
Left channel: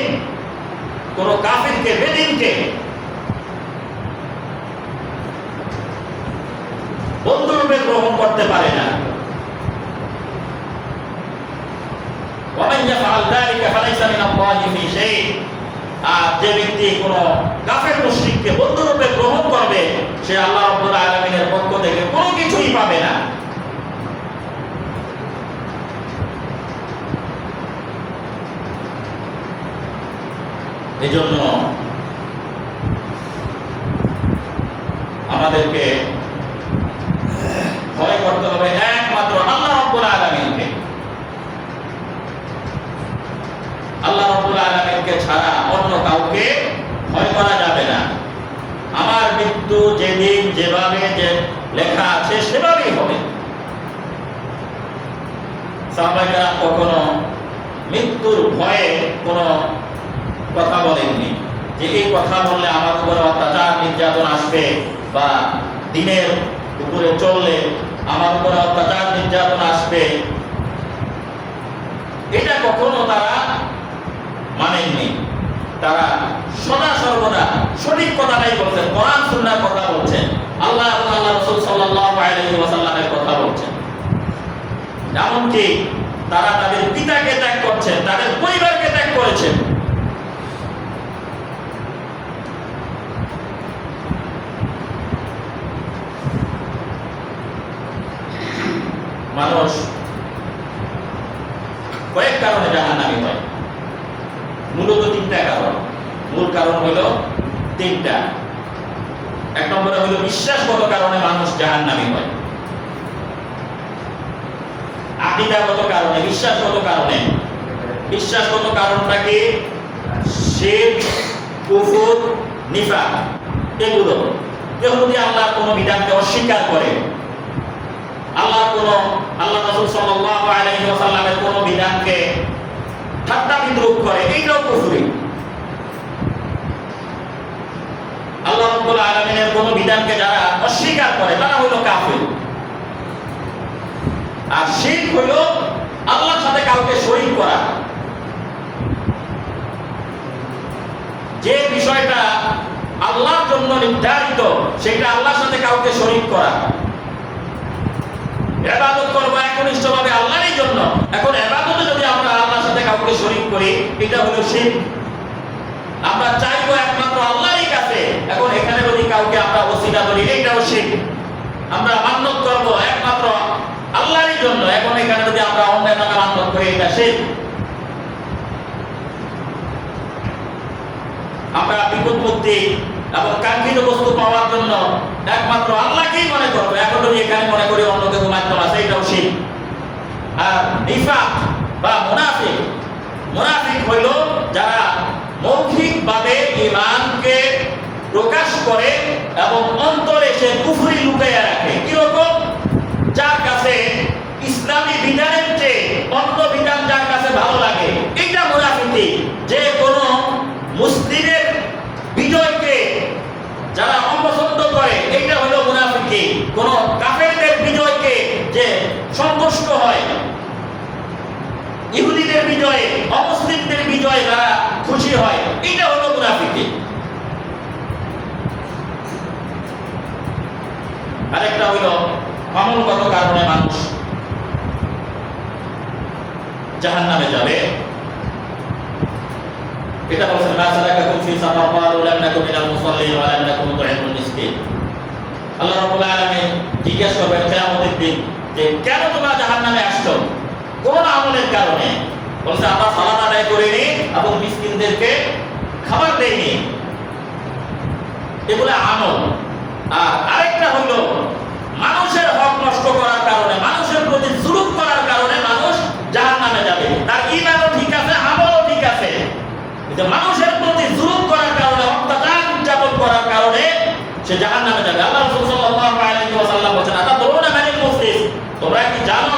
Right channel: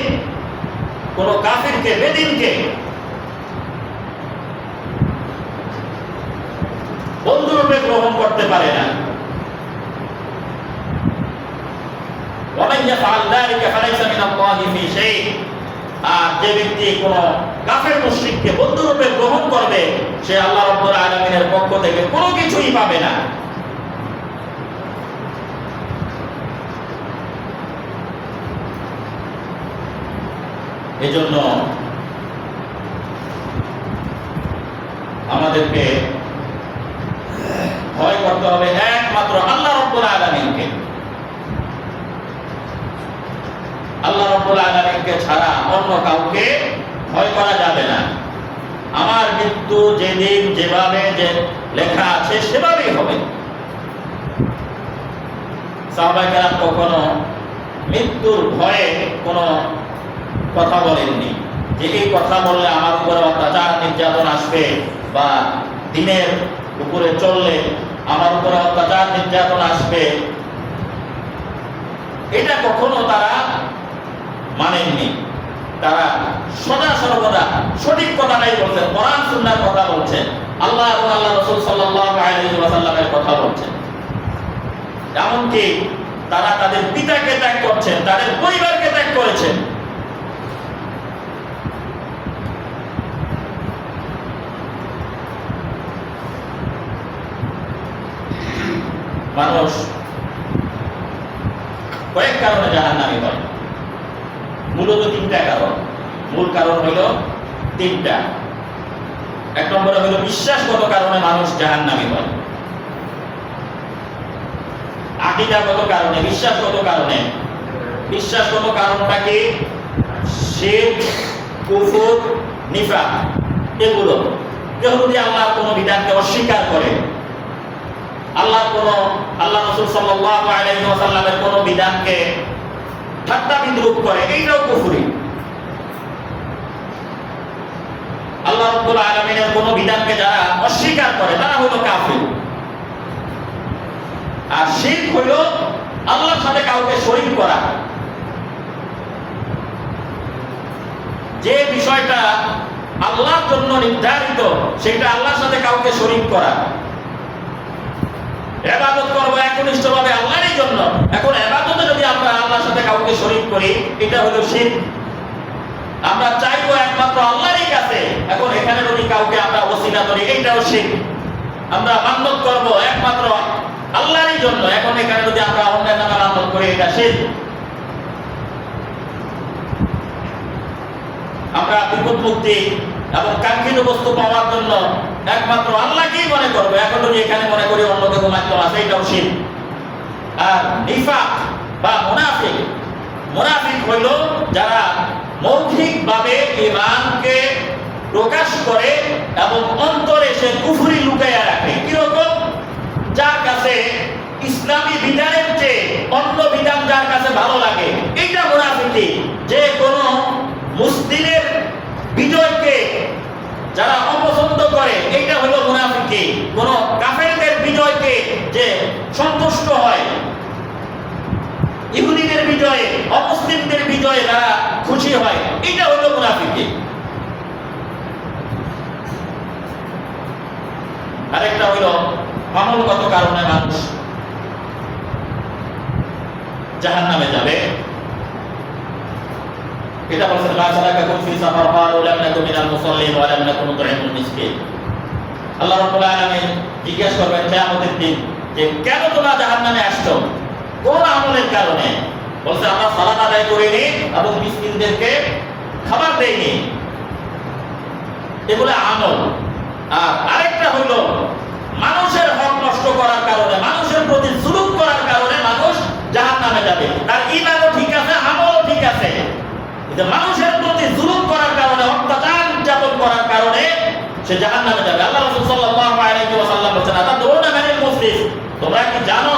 কোন কাফিরকে, বেদিনকে বন্ধুরূপে গ্রহণ করতে পারে না। ومن يفعل ذلك فليس من الله في شيء। আর যে ব্যক্তি কোন কাফের মুশরিককে বন্ধুরূপে গ্রহণ করবে সে আল্লাহ রাব্বুল আলামিনের পক্ষ থেকে কোনো কিছুই পাবে না। এজন্য আমাদেরকে ভয় করতে হবে একমাত্র আল্লাহ রাব্বুল আলামিনকে। আল্লাহ রাব্বুল আলামিনকে ছাড়া অন্য কাউকে ভয় করা যাবে না। আমার মৃত্যু যেদিন যেভাবে যে লেখা আছে সেভাবেই হবে। সাহাবায়ে কেরাম কখনো মৃত্যুর ভয়ে কোনো কথা বলেননি যে এই কথা বললে আমার উপরে অত্যাচার নির্যাতন আসবে, বা দিনের উপরে চললে আমার উপরে অত্যাচার নির্যাতন আসবে, এটা কখনো তারা মানেননি। তারা সদা সর্বদা সঠিক কথাটাই বলছেন, কোরআন সুন্নাহর কথা বলছেন, আল্লাহ এবং আল্লাহ রাসূল সাল্লাল্লাহু আলাইহি ওয়াসাল্লামের কথা বলছেন। এমনকি তারা তাদের পিতাকে ত্যাগ করছেন, তাদের পরিবারকে ত্যাগ করেছেন। মানুষ কয়েক কারণে জাহান্নামী হয়, মূলত তিনটা কারণ। মূল কারণ হলো তিনটা। এক নম্বরে হলো বিশ্বাসগত কারণে মানুষ জাহান্নামী হয়, আকীদাগত কারণে, বিশ্বাসগত কারণে। বিশ্বাসগত কারণটা কি? শিরক, কুফর, নিফাক। এগুলো কেউ যদি আল্লাহর কোনো বিধানকে অস্বীকার করে, আল্লাহ রাসূল সাল্লাল্লাহু আলাইহি ওয়াসাল্লামের কোনো বিধানকে ঠাট্টা বিদ্রূপ করে, এইটাও কুফরি। আল্লাহ রাব্বুল আলামিনের কোনো বিধানকে যারা অস্বীকার করে তারা হলো কাফির। আর শিরক হলো আল্লাহর সাথে কাউকে শরীক করা। যে বিষয়টা আল্লাহর জন্য নির্ধারিত সেটা আল্লাহর সাথে কাউকে শরীক করা। ইবাদত করব একনিষ্ঠভাবে আল্লাহরই জন্য, এখন ইবাদতে যদি আমরা আল্লাহর সাথে কাউকে শরীক করি, এটা হলো শিরক। আমরা চাইবো একমাত্র আল্লাহরই কাছে, এখন এখানে যদি কাউকে আমরা ওসিলা ধরি, এইটাও শিরক। আমরা মান্নত করব একমাত্র আল্লাহরই জন্য, এখন এখানে যদি আমরা অন্যের নামে মান্নত করি, এটা শিরক। আমরা বিপদ মুক্তি এবং কাঙ্ক্ষিত বস্তু পাওয়ার জন্য একমাত্র আল্লাহকেই মনে করবো, এখন যদি এখানে মনে করি অন্য কেউ মাধ্যম আছে, এটাও শিরক। আর নিফাক বা মুনাফিক, মুনাফিক হইল যারা মৌখিকভাবে ঈমানকে প্রকাশ করে এবং অন্তরে সে কুফরি লুকাইয়া রাখে। কিরকম? যার কাছে ইসলামী বিধানের চেয়ে অন্য বিধান যার কাছে ভালো লাগে, এইটা মুনাফিকি। যে কোনো মুসলিমের বিজয়কে যারা অপছন্দ করে, এইটা হলো মুনাফিকি। কোন কাফেরদের বিজয়কে যে সন্তুষ্ট হয়, ইহুদিদের বিজয়ে, অমুসলিমদের বিজয়ে যারা খুশি হয়, এইটা হলো মুনাফিকি। আরেকটা হলো আমলগত কারণে মানুষ জাহান্নামে যাবে। এটা বলছেন মা সালাকাকুম ফি সাকার ক্বালু লাম নাকু মিনাল মুসাল্লিন ওয়া লাম নাকু নুতঈমুল মিসকিন। আল্লাহ রাব্বুল আলামিন জিজ্ঞাসা করবেন কিয়ামতের দিন যে কেন তোমরা জাহান্নামে আসছো, কোন আমলের কারণে? বলছে আমরা সালাত আদায় করিনি এবং মিসকিনদেরকে খাবার দেইনি, এগুলো আমল। আর আরেকটা হলো মানুষের হক নষ্ট করার কারণে, মানুষের প্রতি জুলুম করার কারণে মানুষ জাহান্নামে যাবে। তার ঈমানও ঠিক আছে, আমলও ঠিক আছে, কিন্তু মানুষের প্রতি জুলুম করার কারণে, অত্যাচার নির্যাতন করার কারণে সে জাহান্নামে যাবে। আল্লাহ রাসূল সাল্লাল্লাহু আলাইহি ওয়াসাল্লাম বলেছেন, আতাদরুনা মানিল মুফলিস? তোমরা কি জানো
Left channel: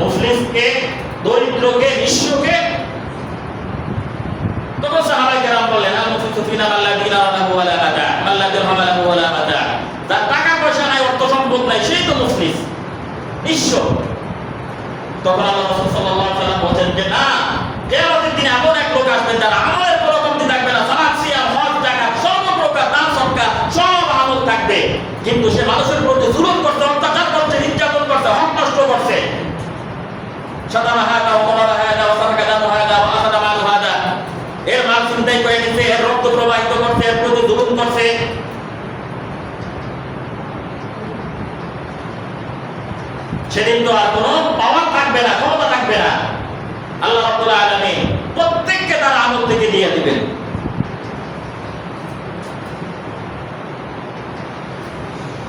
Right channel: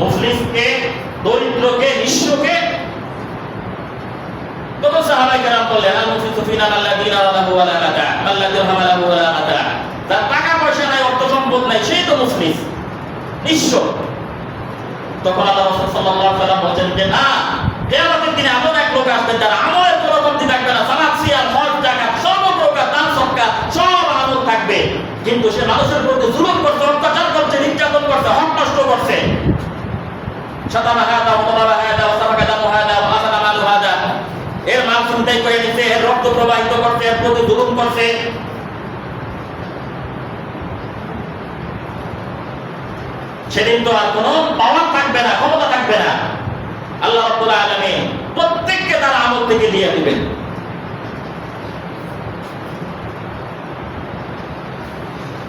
মুফলিসকে, দরিদ্রকে, নিঃস্বকে? তখন সাহাবায়ে কেরাম বললেন, আল মুফলিসু ফিনা মান লা দিনারা লাহু ওয়া লা মাতা, মান লা দিরহাম লাহু ওয়া লা মাতা। তার টাকা পয়সা নাই, অর্থ সম্পদ নাই, সেই তো মুফলিস, নিঃস্ব। তখন আল্লাহ রাসূল সাল্লাল্লাহু আলাইহি ওয়াসাল্লাম বলেন যে না, কিয়ামতের দিনে এমন এক লোক আসবে যার আমলের কোনো কমতি থাকবে না, সালাত, সিয়াম, হজ, যাকাত সর্বপ্রকার দান সদকা সব আমল থাকবে, কিন্তু সে মানুষের প্রতি জুলুম করছে, অত্যাচার করছে, নির্যাতন করছে, হক নষ্ট করছে। শাতামা হাদা ওয়া দারাবা হাদা ওয়া সাফাকা দামু হাদা ওয়া আখাযা মালু হাদা, এর মাল ছিনতাই করে নিচ্ছে, এর রক্ত প্রবাহিত করছে, এর প্রতি জুলুম করছে। সেদিন তো আর কোনো পাওয়ার থাকবে না, ক্ষমতা থাকবে না। আল্লাহ রাব্বুল আলামিন প্রত্যেককে তার আমল থেকে দিয়ে দিবেন।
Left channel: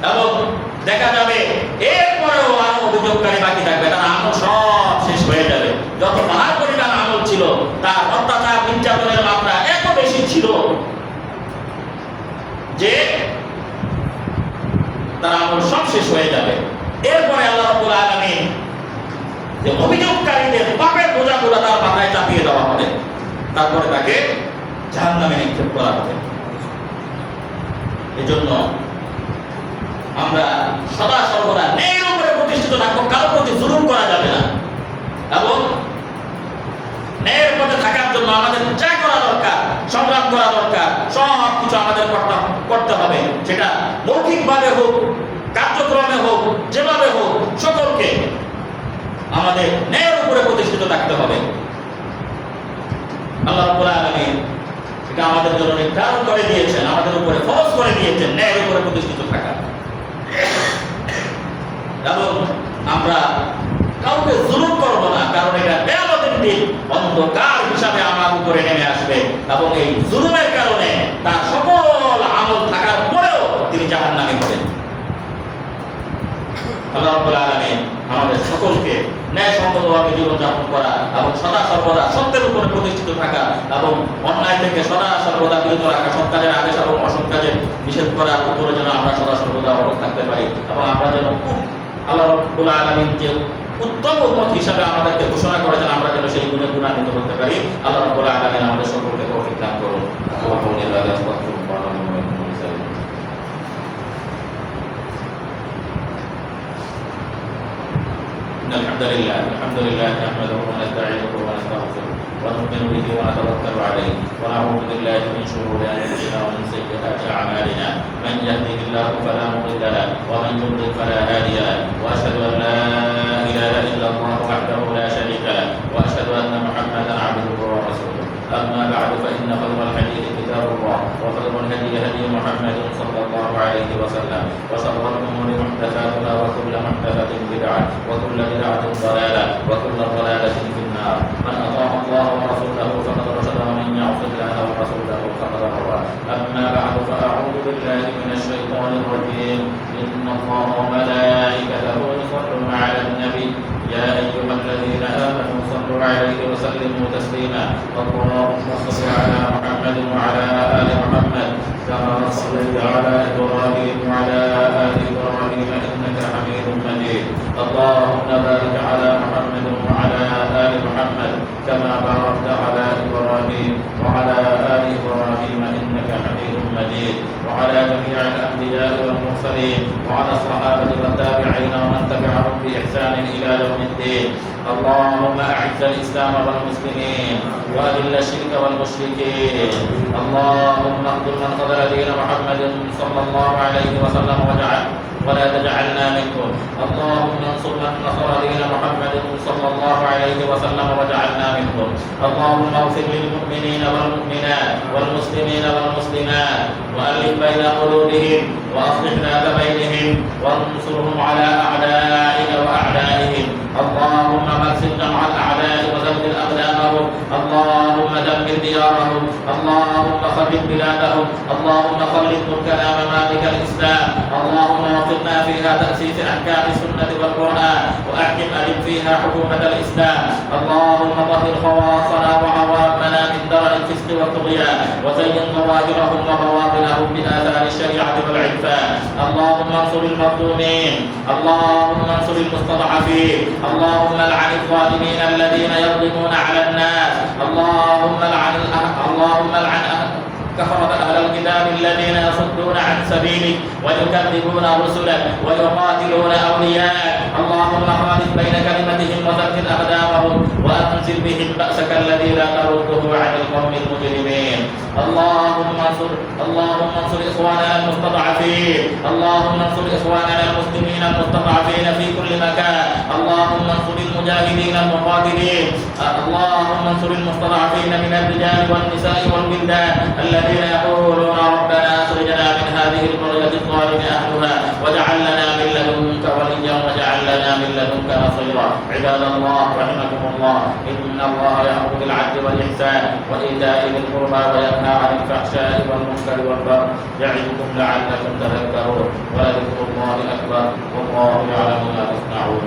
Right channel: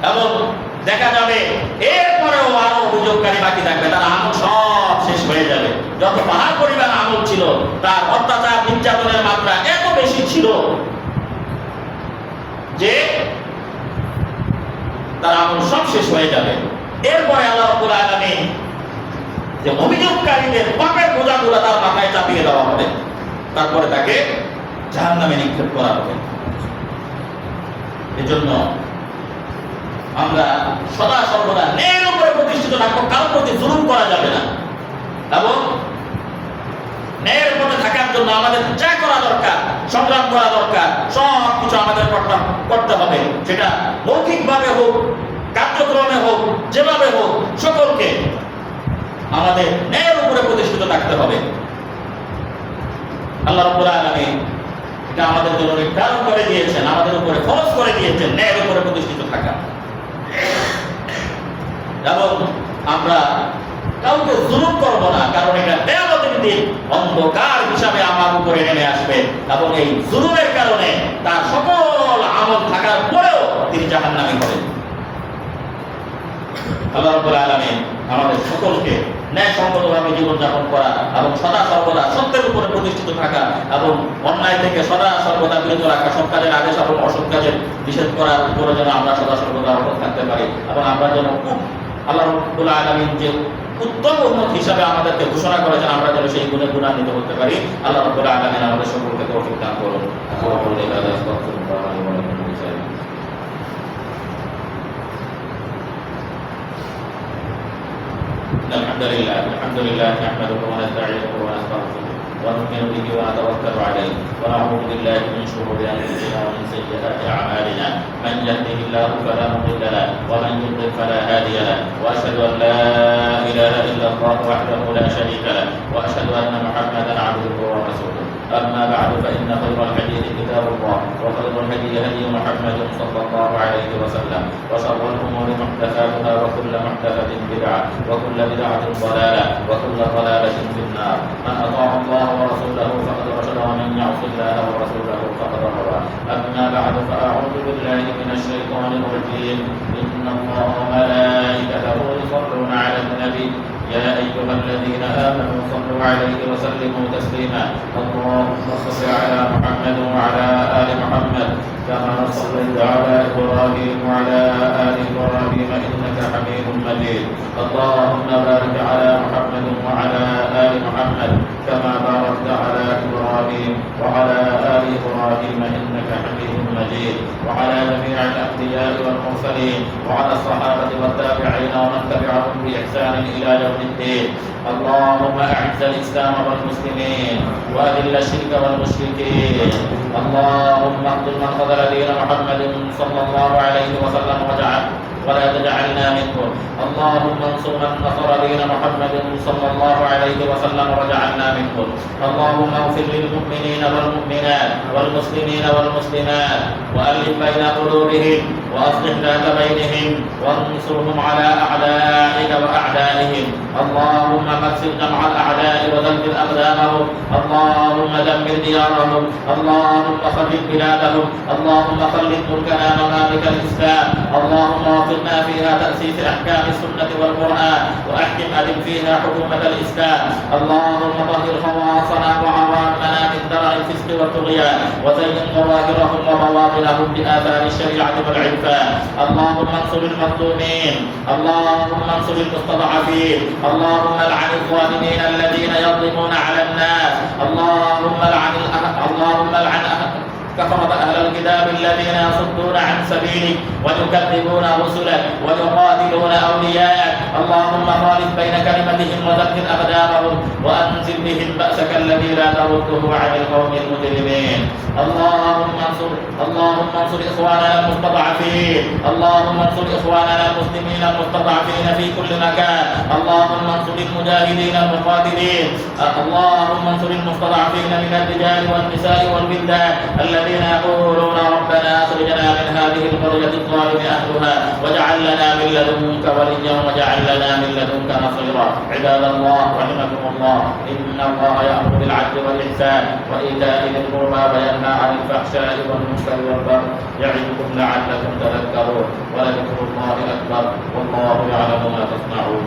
এবং দেখা যাবে এরপরেও আরো অভিযোগকারী বাকি থাকবে, তার আমল সব শেষ হয়ে যাবে। যত পাহাড় পরিমাণ আমল ছিল, তার অত্যাচার নির্যাতনের মাত্রা এত বেশি ছিল যে তার আমল সব শেষ হয়ে যাবে। এরপরে আল্লাহ রাব্বুল আলামিন যে অভিযোগকারীদের পাপের বোঝাগুলো তার মাথায় চাপিয়ে দেওয়া হবে, তারপরে তাকে জাহান্নামে নিক্ষেপ করা হবে। এজন্য আমরা সদা সর্বদা ন্যায়ের উপরে প্রতিষ্ঠিত থাকবো, কারোর প্রতি জুলুম করা যাবে না, এবং ন্যায়ের পথে থাকার জন্য আমাদের যা করা দরকার, সংগ্রাম করা দরকার, সব কিছু আমাদের করতে হবে। সেটা মৌখিকভাবে হোক, কার্যক্রমে হোক, যেভাবে হোক, সকলকে আমাদের ন্যায়ের উপরে প্রতিষ্ঠিত থাকতে হবে। আল্লাহ রাব্বুল আলামিন এটা আমাদের জন্য নির্ধারণ করে দিয়েছেন, আমাদের উপরে ফরজ করে দিয়েছেন ন্যায়ের উপরে প্রতিষ্ঠিত থাকা। এবং আমরা কাউকে জুলুম করব না, কারণ এটা কিয়ামতের দিন অন্ধকার হিসাবে আমার উপরে নেমে আসবে, এবং এই জুলুমের কারণে তার সকল আমল থাকার পরেও তিনি জাহান্নামী হবেন। আল্লাহ রাব্বুল আলামিন আমাদের সকলকে ন্যায়সঙ্গতভাবে জীবনযাপন করা এবং সদা সর্বদা সত্যের উপরে প্রতিষ্ঠিত থাকা এবং অন্যায় থেকে সদা সর্বদা বিরত রাখা, সৎ কাজের আদেশ এবং অসৎ কাজের নিষেধ করার উপরে যেন আমরা সদা সর্বদা অটল থাকতে পারি, এবং আমরা যেন আল্লাহ রাব্বুল আলামিন যে উত্তম উম্মত হিসাবে আমাদেরকে ঘোষণা করেছেন, আমরা যেন সেই গুণে গুণান্বিত হতে পারি। আল্লাহ রাব্বুল আলামিন আমাদের সকলকে তৌফিক দান করুন। الحمد لله نحمده ونستعينه ونستغفره ونؤمن به ونتوكل عليه ونعوذ بالله من شرور انفسنا ومن سيئات اعمالنا، من يهده الله فلا مضل له ومن يضلل فلا هادي له، واشهد ان لا اله الا الله وحده لا شريك له، واشهد ان محمدا عبده ورسوله. اما بعد فان خير الحديث كتاب الله، وخير الهدي هدي محمد صلى الله عليه وسلم، وشر الامور محدثاتها، وكل محدثه بدعه، وكل بدعه ضلاله، وكل ضلاله في النار. من اطاع الله ورسوله فقد رشد، ومن يعص الله ورسوله فقد غوى. اما بعد فاعوذ بالله من الشيطان الرجيم. ان الله وملائكته يصلون على النبي يا ايها الذين امنوا صلوا عليه وسلموا تسليما. اللهم صل على محمد وعلى ال محمد كما صليت على ابراهيم وعلى ال ابراهيم انك حميد مجيد. اللهم بارك على محمد وعلى ال محمد كما باركت على ابراهيم وعلى ال ابراهيم انك حميد مجيد. وعلى جميع الانبياء والمرسلين وعلى الصحابه والتابعين ومن تبعهم باحسان الى يوم الدين. اللهم اعز الاسلام والمسلمين واذل الشرك والمشركين. اللهم اخذل من خذل دين محمد صلى الله عليه وسلم ولا تجعلنا منهم. اللهم انصر من نصر دين محمد صلى الله عليه وسلم واجعلنا منهم. اللهم اغفر للمؤمنين والمؤمنات والمسلمين والمسلمات والف بين قلوبهم واصلح ذات بينهم وانصرهم على اعدائك واعدائهم. اللهم مكسر جمع الاعداء وزلزل اقدامهم. اللهم دمر ديارهم. اللهم خرب بلادهم. اللهم خلد ملكنا ممالك الاسلام. اللهم وفقنا فيها تاسيس احكام السنه والقران، واحكم ادم فيها حكومه الاسلام. اللهم طهر خواصنا وعوامنا من درع الفسق والطغيان، وزين ظواهرهم وبواطنهم باثار الشريعه والعرفان. اللهم انصر المظلومين. اللهم انصر المستضعفين. اللهم لعن الظالمين الذين يظلمون على الناس. اللهم لعن كفرة أهل الكتاب الذين يصدون عن سبيلك ويكذبون رسلك ويقاتلون أولياءك. اللهم خالف بين كلمتهم وزلزل أقدامهم وأنزل بهم بأسك الذي لا ترده عن القوم المجرمين. اللهم انصر إخواننا المستضعفين. اللهم انصر إخواننا المسلمين المستضعفين في كل مكان. اللهم انصر المجاهدين المقاتلين. اللهم انصر المستضعفين من الرجال والنساء والولدان الذين يقولون ربنا أخرجنا من هذه القرية الظالم أهلها واجعل لنا من لدنك وليا واجعل لنا من لدنك نصيرا. عباد الله رحمكم الله، إن الله يأمر بالعدل والإحسان وإيتاء ذي القربى وينهى عن الفحشاء والمنكر والبغي يعظكم لعلكم تذكرون. ولذكر الله أكبر والله يعلم ما تصنعون.